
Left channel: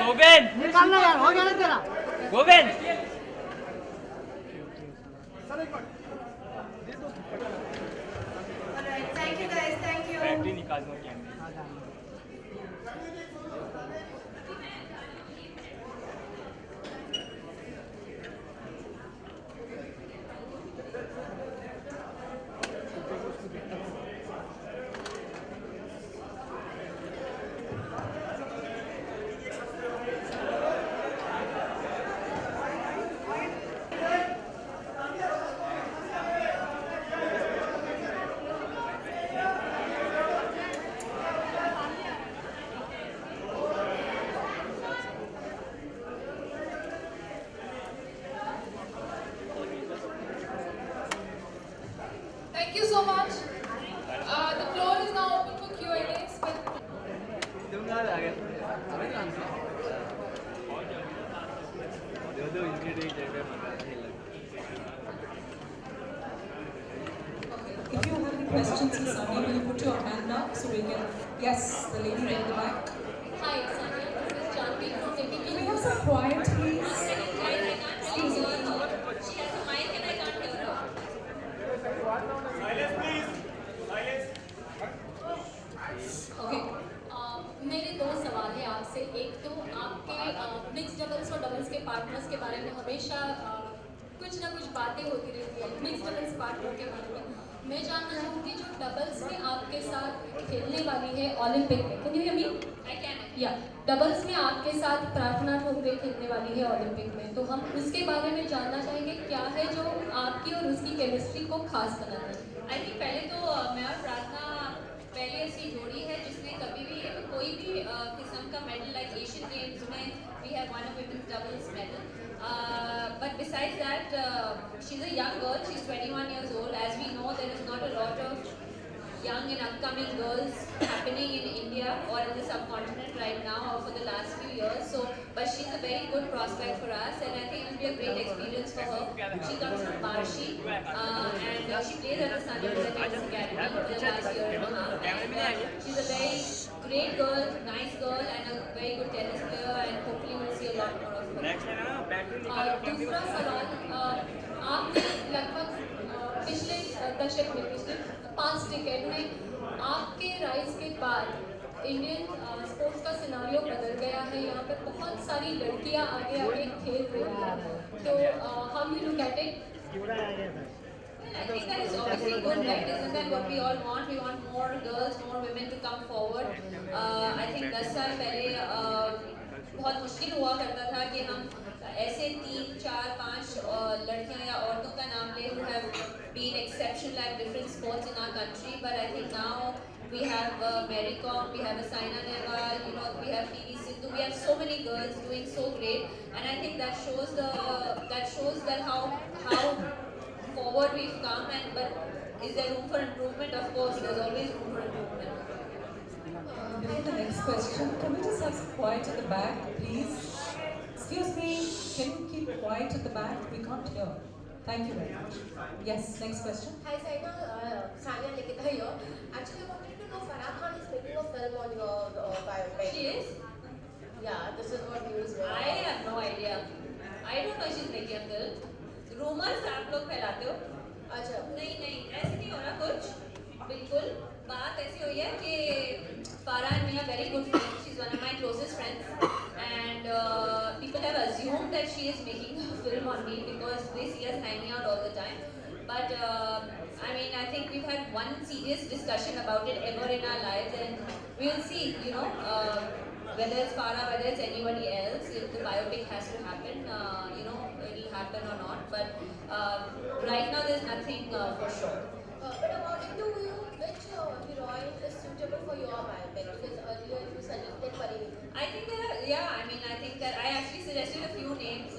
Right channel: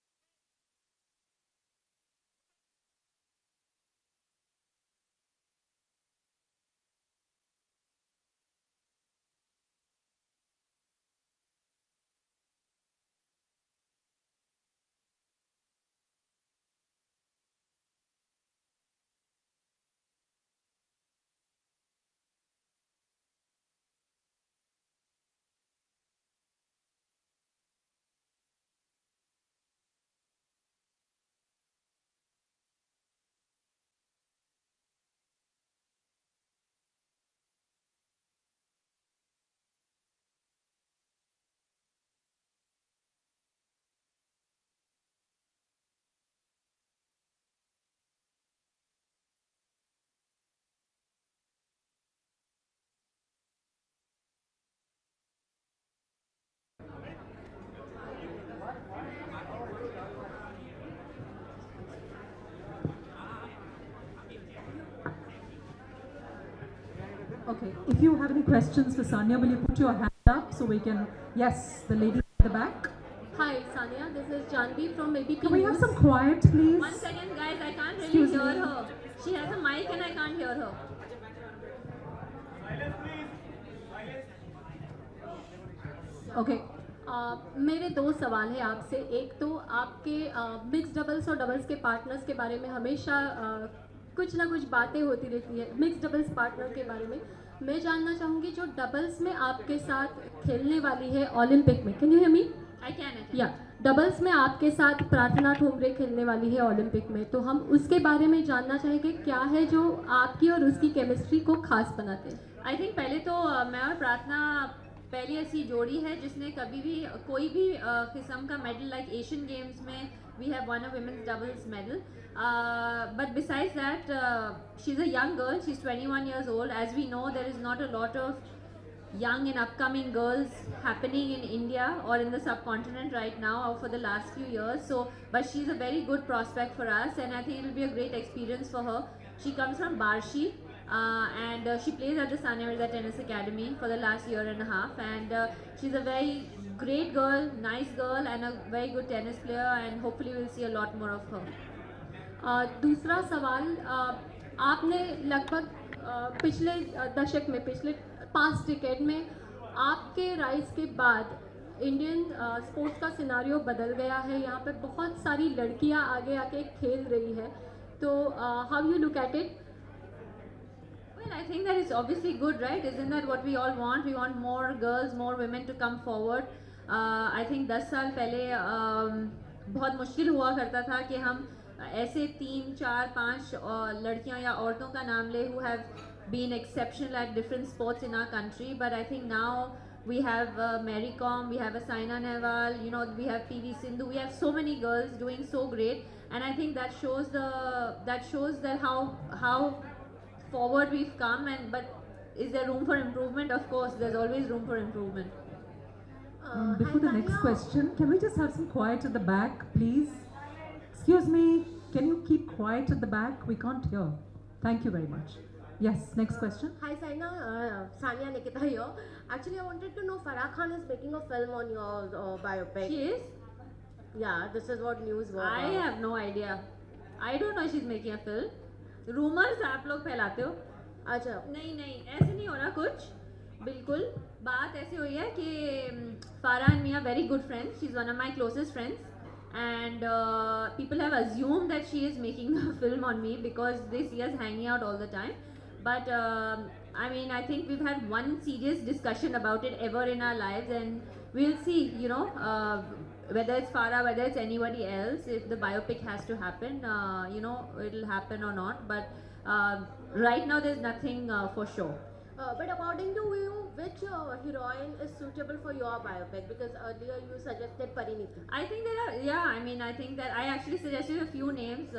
गोविंद निकालना यार हो गया ना तेरा Govind Thank you guys, thank you. Battery निकाल दो कैमरे Thank you so much. The floor is now open for Q&As. तुम आ गया Okay, if you have any questions for Sanya, will you put your hand up so we can, yes, the lady at the back. Hi, Sanya. This is Janvi from ABP. Can we have some quiet, please? One second, guys. I can't really hear her. She has a mic and I can't hear her. Okay. मेरे दो सवाल है आपसे। एक तो आपके mix doubles और doubles के पार्टनर्स के बारे में हमेशा कुछ ना कुछ बातें होती रहती हैं मिक्स डबल्स पार्टनर के बारे में। मैं जानना चाहूँगी जो डबल्स में आपके साथ खेलने वाली है ओलंपिक में, can you hear me? I can. या डबल्स में आपके साथ प्रार्थना ठोंबरे खेलने वाली है ओलंपिक में, तो हम उसके बारे में जानना चाहेंगे क्या है जो आपकी और उसकी केमिस्ट्री को खास बनाता है। आई थिंक पहले तो मैं और प्रार्थना पहली ऐसी जोड़ी है जिसने कभी भी कोई भी किस्म का मेडल लाइक एशियन गेम्स में we have won a women's doubles medal but besides that she is a young girl, she is 21 years old. As we know, there is not a lot of young and upcoming girls happening in India or in the subcontinent right now or for the last few years. So, but she's a very good prospect for us, and I think it will be a great experience for her. She comes from Barshi, and she plays at the Sanya Vidya Tennis Academy for the last year and a half. And she's a very great girl, nice girl, and a very good tennis player. And hopefully, we'll see a lot more of her. दूसरा सवाल, आपने लगभग पिछले दशक में, पिछले 5 decade में आपके राइज के बाद इंडियन स्पोर्ट्स का सिनारियो बदल गया है। यहाँ पे बहुत सारी लड़कियाँ आगे आगे खेल रही हैं, तो how you look at it? Well, I think that is obviously good, right? Isn't that what we all want? We want more girls, more women to come forward. I think 10 साल पहले बहुत मुश्किल हुआ करता था कि हम ऐसे 3, 4, 5 लड़कियां या औरतों का नाम ले who have been exceptional at different sports in our country. But I think now we have Mary Kom, we have Saina Nehwal, you know, we have PV Sindhu. We have so many girls doing so great, and I think that shows that how forward we've come. And but is there room for improvement? Of course, there's always room for improvement. Before the next question, can we just have some quiet at the back, please? Excuse me, can you keep quiet at the back? We can't hear. Thank you very much. Yes, next question. Hi Saina, Sanya Nikita here. Actually, I wanted to know Farah Khan is making a film on your biopic. She is? Yeah, this is what news was. I have no idea. I don't know she's making a film. Rumors आप लोग फैलाते हो? अच्छा. नहीं, ऐसे नहीं हो रहा कुछ. बिल्कुल. बात ऐसी हुई है कि Farah and me are very good friends. She's one of my closest friends, and people have assumed that she is making a film on me because they see us hanging out all the time. But I mean, I think we've had one serious discussion about it ever in our lives, and we'll see. You know, whether it's Farah, whether it's anybody else, if the biopic has to happen, it'll happen or not. But right now, there's nothing for sure. But according to you, which heroine is suitable for your biopic? Because earlier you suggested Parineeti. I think I think that I actually suggested a few names.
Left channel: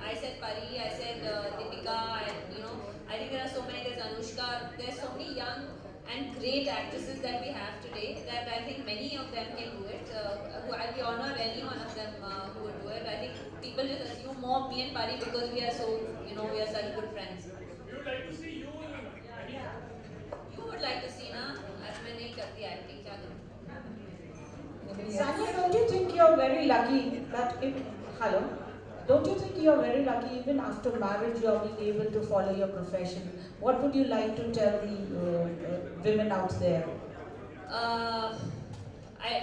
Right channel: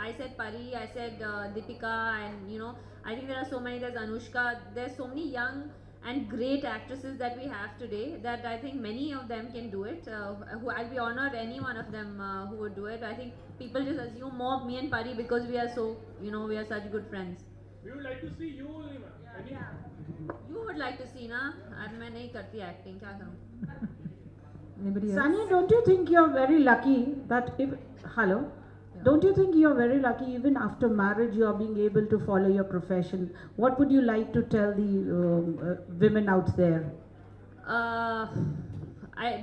I said Pari, I said Deepika, and I think there are so many. There's Anushka. There's so many young and great actresses that we have today that I think many of them can do it. I'll be honored any one of them who would do it. I think people just assume more of me and Pari because we are so, we are such good friends. We would like to see you. You would like to see, na? मैं नहीं करती acting का ना. Anybody else? Sanya, don't you think you're very lucky that hello? Don't you think you're very lucky even after marriage you are being able to follow your profession? What would you like to tell the women out there?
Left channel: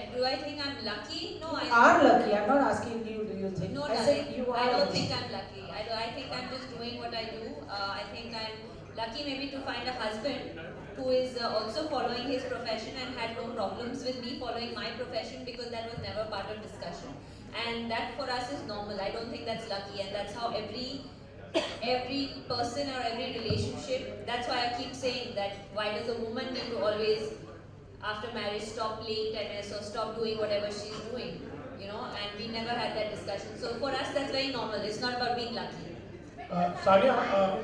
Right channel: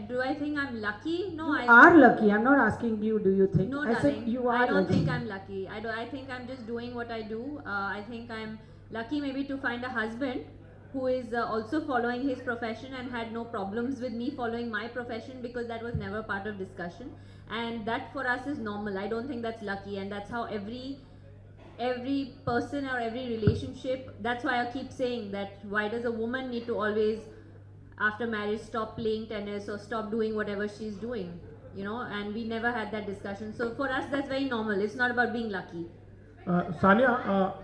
Do I think I'm lucky? No, You are lucky. I'm not asking you, do you think? No, I said darling, you are I don't lucky. think I'm lucky. I think I'm just doing what I do. I think I'm lucky maybe to find a husband who is also following his profession and had no problems with me following my profession because that was never part of discussion. And that for us is normal. I don't think that's lucky, and that's how every person or every relationship. That's why I keep saying that why does a woman need to always after marriage stop playing tennis or stop doing whatever she's doing, and we never had that discussion. So for us that's very normal. It's not about being lucky. Sanya,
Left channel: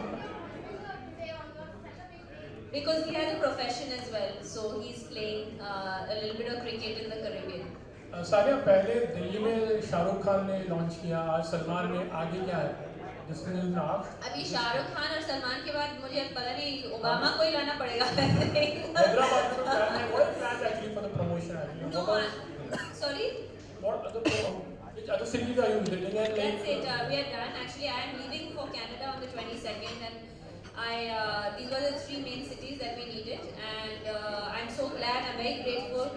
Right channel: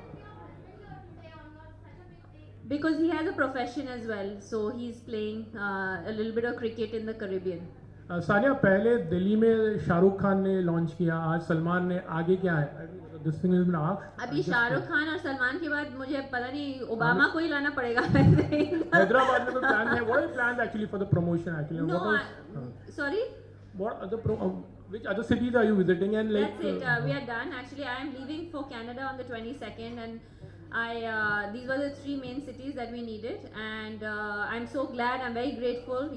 Because he has a profession as well, so he's playing a little bit of cricket in the Caribbean. Sania पहले दिल्ली में शाहरुख खान ने launch किया, आज सलमान ने, आगे क्या है? अभी शाहरुख खान और सलमान के बाद मुझे पता नहीं ओबामा को ही लाना पड़ेगा. हैदराबाद में प्लान है, what is planned actually for the promotion actually? No, sorry. Which other cities are you visiting and like? That's it. We are done. Actually, I am leaving for Canada on the 22nd, and these were the 3 main cities that we needed, and I'm so glad. I'm very grateful.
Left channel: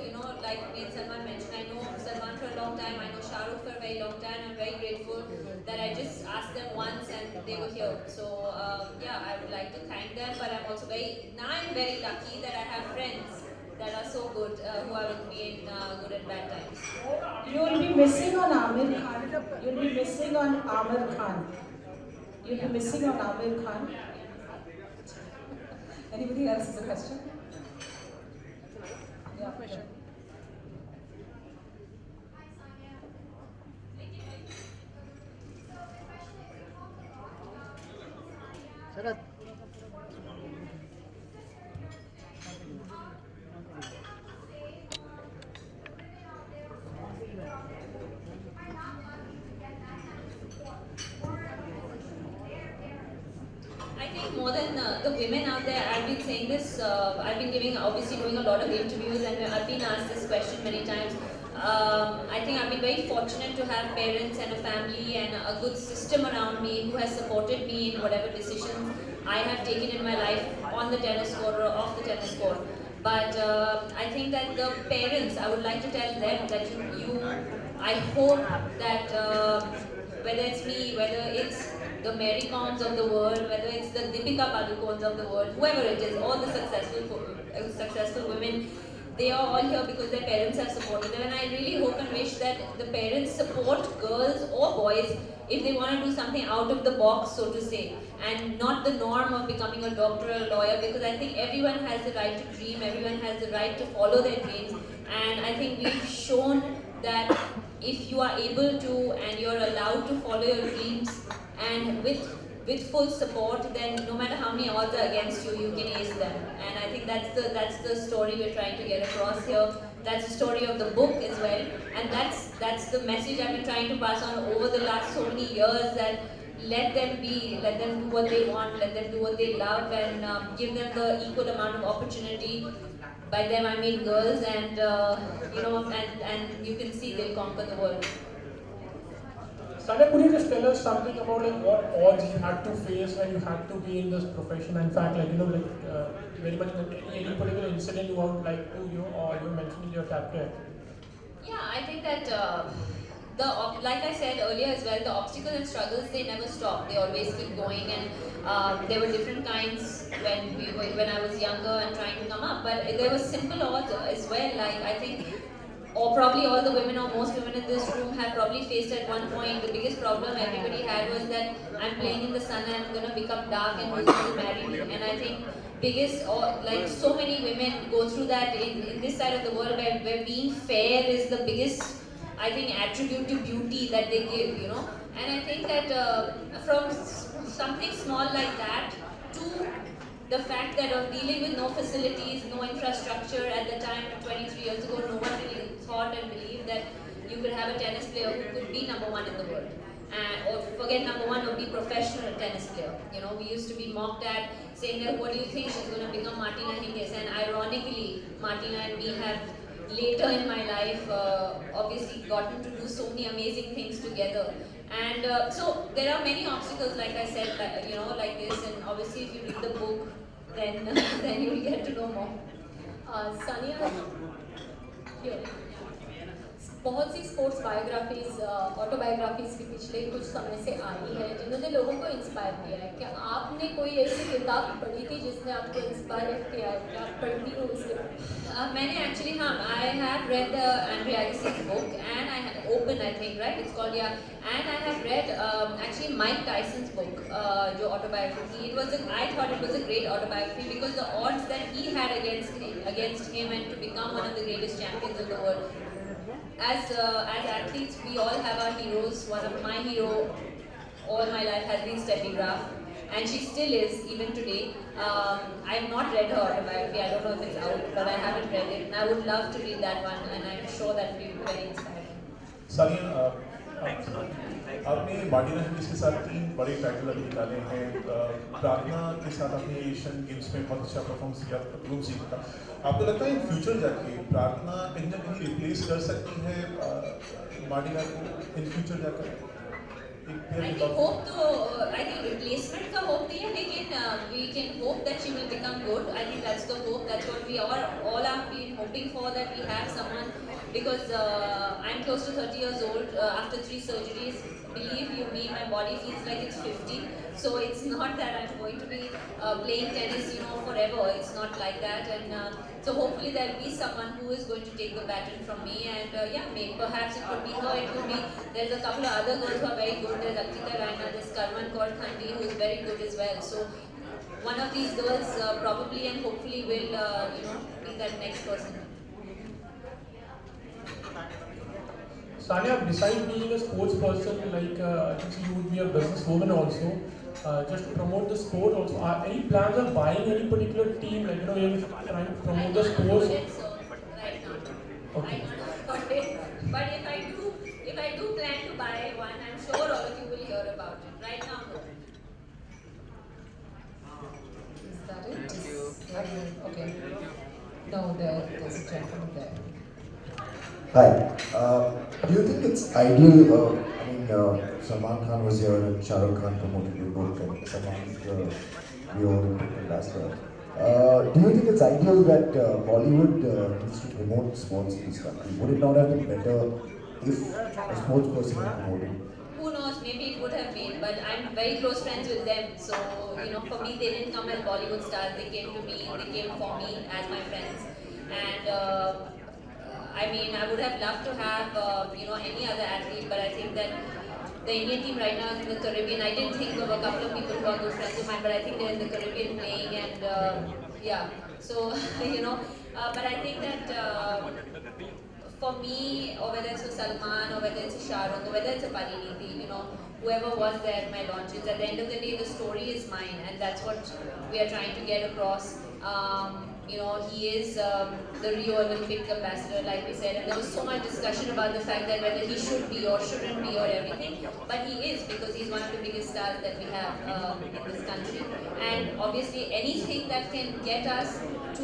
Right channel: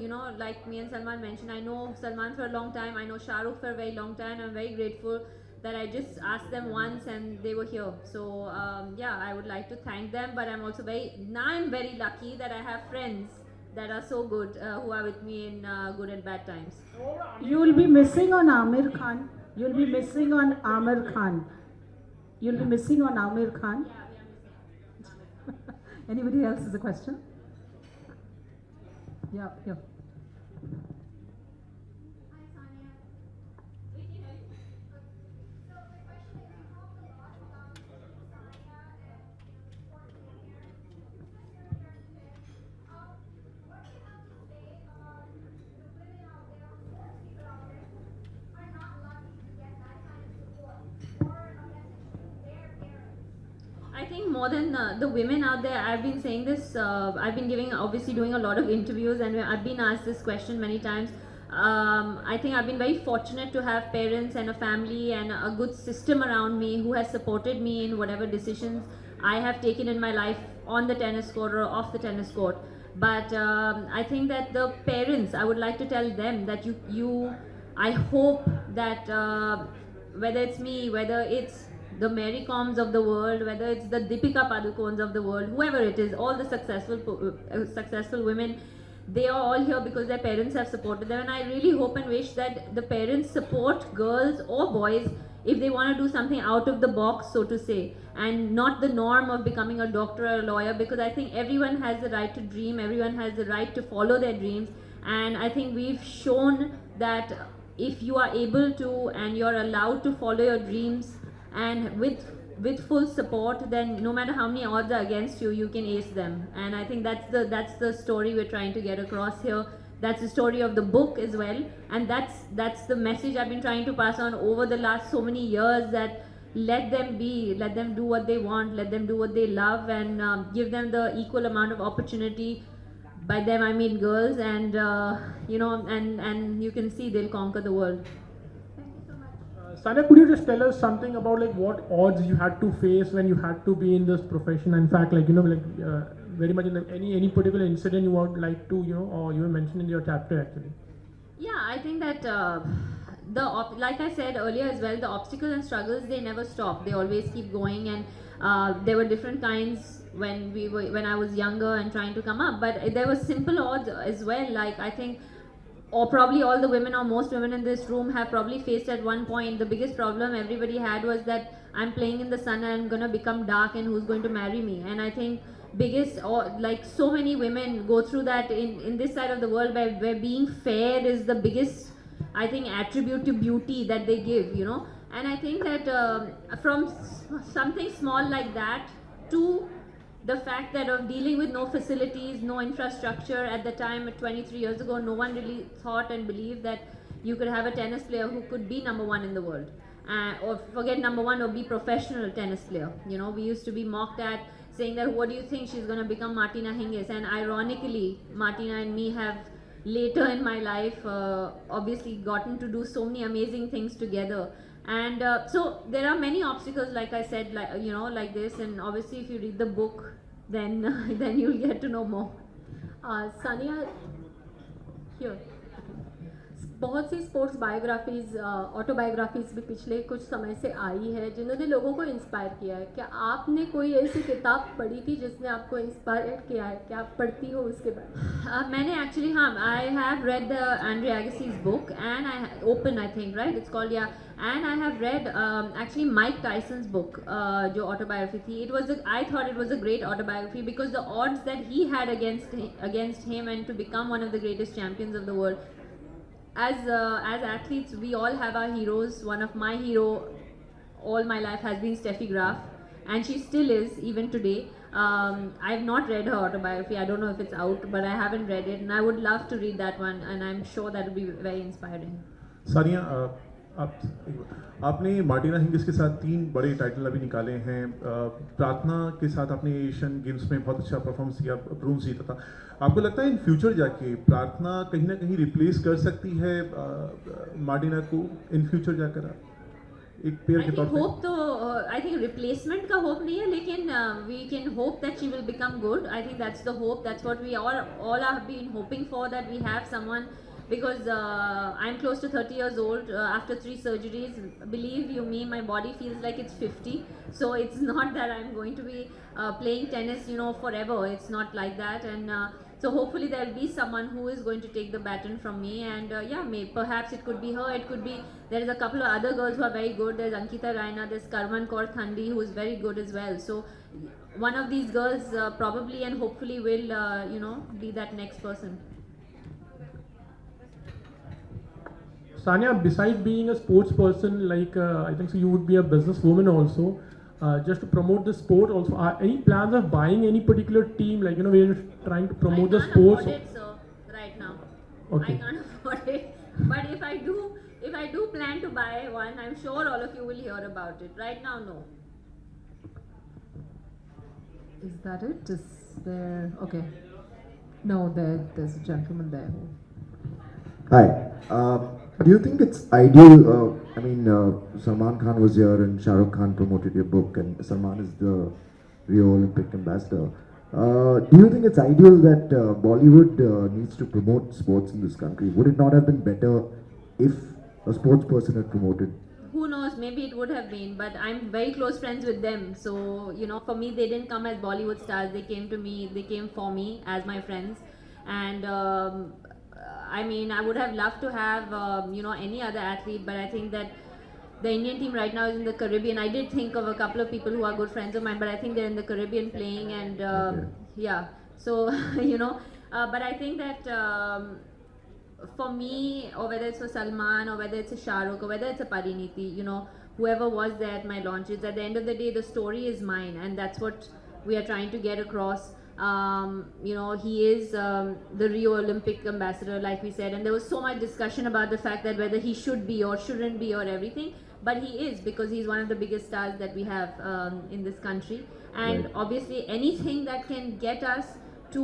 Like me and Salman mentioned, I know Salman for a long time. I know Shahrukh for a very long time. I'm very grateful that I just asked them once and they were here. So I would like to thank them. But I'm also I'm very lucky that I have friends that are so good who are with me in good and bad times. You will be missing on Amir Khan. You'll be missing on Amir Khan. You'll be missing on Amir Khan. Anybody else has a question? Yeah. I think more than the women out there, I've been saying this, I've been obviously doing a lot of interviews, and I've been asked this question many times. I think I've been very fortunate to have parents and a family and a good system around me who has supported me in whatever decisions I have taken in my life on the tennis court or off the tennis court. But I think that the parents, I would like to tell them that I hope that whether it's me, whether it's the Mary Coms of the world, whether it's the Deepika Padukones of the world, whoever it is, all the successful women, they are all here because their parents have supported them. And I really hope and wish that the parents support girls or boys if they want to do something out of the box, so to say, and not the norm of becoming a doctor or a lawyer, because I think everyone has the right to dream, everyone has the right to follow their dreams, and I think we've shown that if you are able to and you're allowed to follow your dreams and with full support, then no matter how many odds are against you, you can ace them. And I think that's the story we're trying to get across here. That's the story of the book as well, and that's the message I've been trying to pass on over the last so many years, that let them do what they want, let them do what they love, and give them the equal amount of opportunity. By them I mean girls, and and you can see they'll conquer the world. Sanya, could you just tell us something about like what odds you had to face when you had to be in this profession? In fact, very much like any particular incident you would like to or you mentioned in your chapter actually. Yeah, I think that like I said earlier as well, the obstacles and struggles, they never stop. They always keep going, and there were different kinds when I was younger and trying to come up. But there were simple odds as well. Like I think or probably all the women or most women in this room have probably faced at one point. The biggest problem everybody had was that I'm playing in the sun and I'm gonna become dark and who's going to marry me? And I think biggest, or like so many women go through that in this side of the world where being fair is the biggest, I think, attribute to beauty that they give, you know. And I think that from something small like that to the fact that of dealing with no facilities, no infrastructure at the time, 23 years ago, no one really thought and believed that you could have a tennis player who could be number one in the world. Or forget number one, or be professional tennis player. You know, we used to be mocked at saying that, what do you think, she's going to become Martina Hingis? And ironically, Martina and me have later in my life obviously gotten to do so many amazing things together. And so there are many obstacles, like I said, like, you know, like this. And obviously, if you read the book, then then you'll get to know more. Sania, here. बहुत सी sports biographies autobiographies भी पिछले कुछ समय से आई है जिन्होंने लोगों को इंस्पायर किया है. क्या आपने कोई ऐसी किताब पढ़ी थी जिसने आपको इंस्पायर किया है? क्या आप पढ़ती हो उससे? मैंने एक्चुअली, हाँ, I have read Andre Agassi's book and I open, I think, right? It's called, yeah. And I have read actually Mike Tyson's book, जो autobiography थी. I thought it was a great autobiography because the odds that he had against him and to become one of the greatest champions of the world. As athletes, we all have our heroes. One of my hero all my life has been Steffi Graf, and she still is even today. I have not read her autobiography. I don't know if it's out, but I haven't read it, and I would love to read that one, and I'm sure that will be very inspiring. Sania, आपने Martina Hingis के साथ 3 बड़े title अभी निकाले हैं. प्रार्थना के साथ आपने एशियन गेम्स में बहुत अच्छा परफॉर्मेंस किया, ब्रोंज जीता था. आपको लगता है इन फ्यूचर जाके प्रार्थना कहीं ना कहीं रिप्लेस कर सकती है मार्टिना को इन फ्यूचर जाकर एक पेयर के तौर पे? होप तो आई थिंक रिप्लेसमेंट का होप नहीं है, लेकिन we can hope that she will become good. I think that's the hope, that's what we all have been hoping for, that we have someone, because I'm close to 30 years old after 3 surgeries. Believe you me, my body feels like it's 50. So it's not that I'm going to be playing tennis, you know, forever. It's not like that. And so hopefully there'll be someone who is going to take the baton from me. And yeah, perhaps it could be her. It could be, there's a couple of other girls who are very good. There's Ankita Raina, there's Karman Kaur Thandi, who is very good as well. So one of these girls probably and hopefully will, you know, be that next person. Sania, besides being a sports person, like I can see you would be a businesswoman also. Just to promote the sport also, are any plans of buying any particular team, like, you know, we are trying to promote the sports? I can't afford it, so right now. Okay. I can't afford it. But if I do plan to buy one, I'm sure all of you will hear about it. Right now, no. Is that it? Okay. No, there's a gentleman there. Hi. Do you think it's ideal? Salman Khan was here and Shah Rukh Khan promoted your book, and Salman is the Rio Olympic ambassador. Do you think it's ideal that Bollywood needs to promote sports in this country? Would it not have been better if a sports person had promoted? Who knows, maybe it would have been, but I'm very close friends with them. So, you know, for me, they didn't come as Bollywood stars. They came to me, they came for me as my friends. And I mean, I would have loved to have, you know, any other athlete, but I think that the Indian team right now is in the Caribbean. I did think of a couple of people who are good friends of mine, but I think they're in the Caribbean playing, and yeah. So, you know, but I think that for me, or whether it's a Salman, or whether it's a Shah Rukh, or whether it's a Pariniti, you know, whoever was there at my launches, at the end of the day, the story is mine, and that's what we are trying to get across. You know, he is the Rio Olympic ambassador, like we said, and there was so much discussion about the fact that whether he should be or shouldn't be or everything, but he is, because he's one of the biggest stars that we have in this country. And obviously anything that can get us to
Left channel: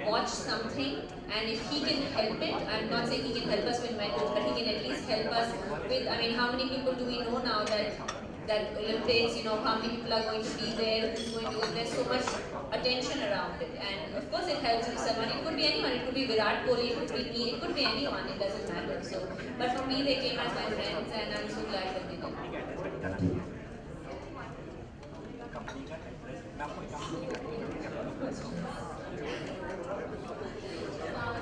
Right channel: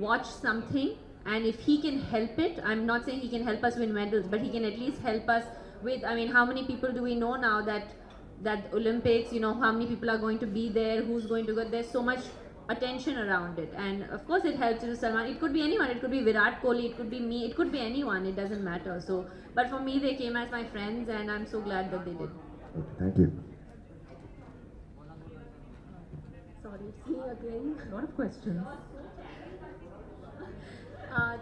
watch something, and if he can help it, I'm not saying he can help us win medals, but he can at least help us with, I mean, how many people do we know now that Olympics, you know, how many people are going to be there, who's going to go, there's so much attention around it, and of course it helps you, Salman. It could be anyone, it could be Virat Kohli, it could be me, it could be anyone, it doesn't matter. So, but for me, they came as my friends, and I'm so glad that they did. Thank you. Questions?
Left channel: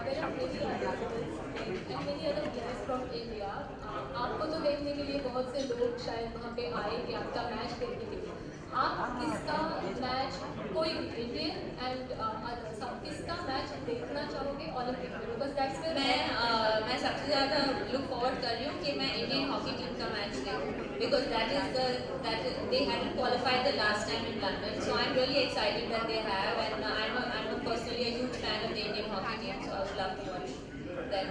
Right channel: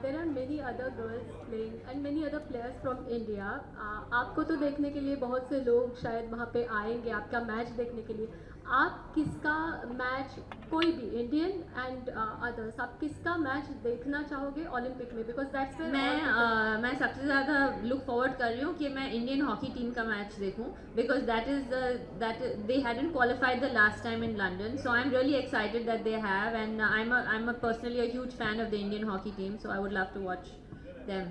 There are many others. वहाँ पे आएंगे आपका match देखने के लिए, आप किसका match, कोई भी इंडियन एंड अदर्स, आप किसका मैच देखना चाहोगे ओलंपिक में? बिकॉज दैट्स मैं सबसे ज़्यादा लुक फॉरवर्ड कर रही हूँ कि मैं इंडियन हॉकी टीम का मैच देखूँ, because they hadn't qualified the last time in London, so I'm really excited that they have, and I'm personally a huge fan of the Indian hockey team, so I would love to watch them.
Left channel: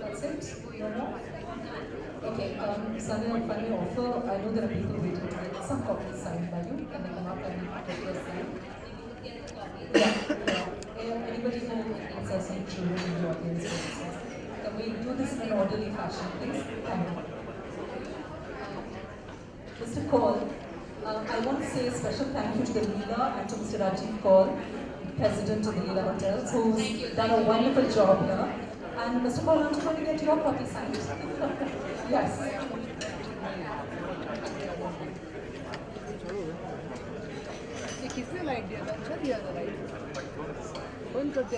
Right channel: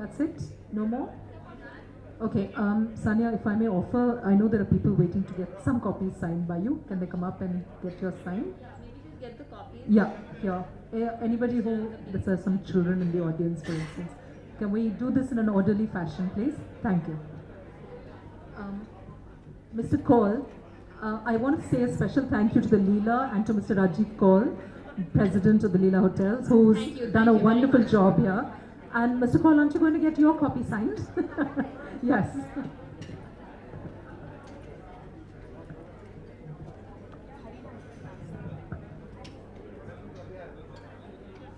That's it? No more? Okay, Sanya, if I may offer, I know there are people waiting to get some copies signed by you. Can they come up and get yours signed? Yeah. Anybody who let's have some children in the audience, for instance. Can we do this in an orderly fashion, please? Thank you. Mr. Kaul, I want to say a special thank you to the Leela and to Mr. Rajiv Kaul, President of the Leela Hotels, who's done a wonderful job here. And Mr. Kaul, aren't you going to get your copy signed? Yes. किसने light दिया था? अच्छा दिया था light. बंद करते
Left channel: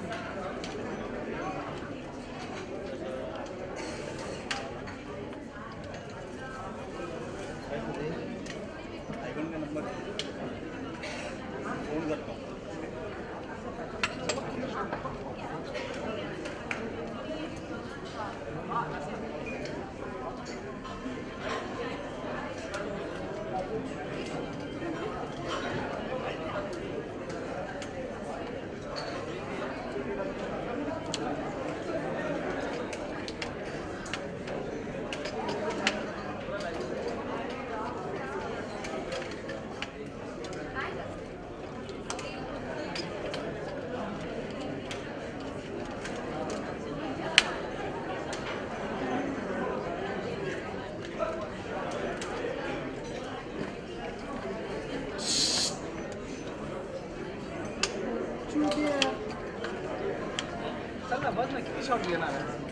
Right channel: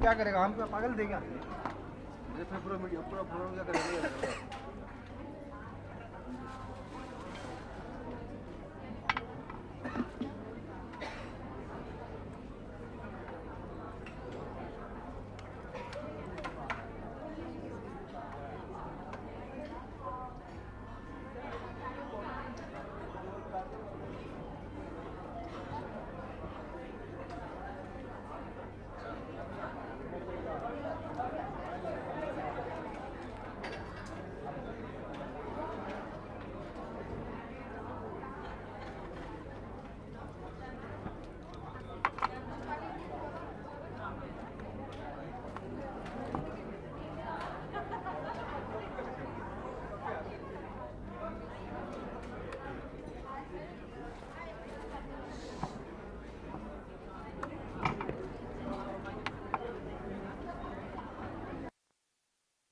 क्या करेगा? हम तो फाइनल देगा। चल ना बस ना किती शॉट घेणार आहे?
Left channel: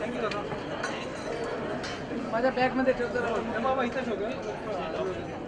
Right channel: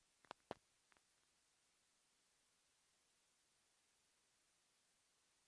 थँक्यू दादा. माझ्या बॅगमध्ये ठेवतो बाबा, इथं ठेवतो.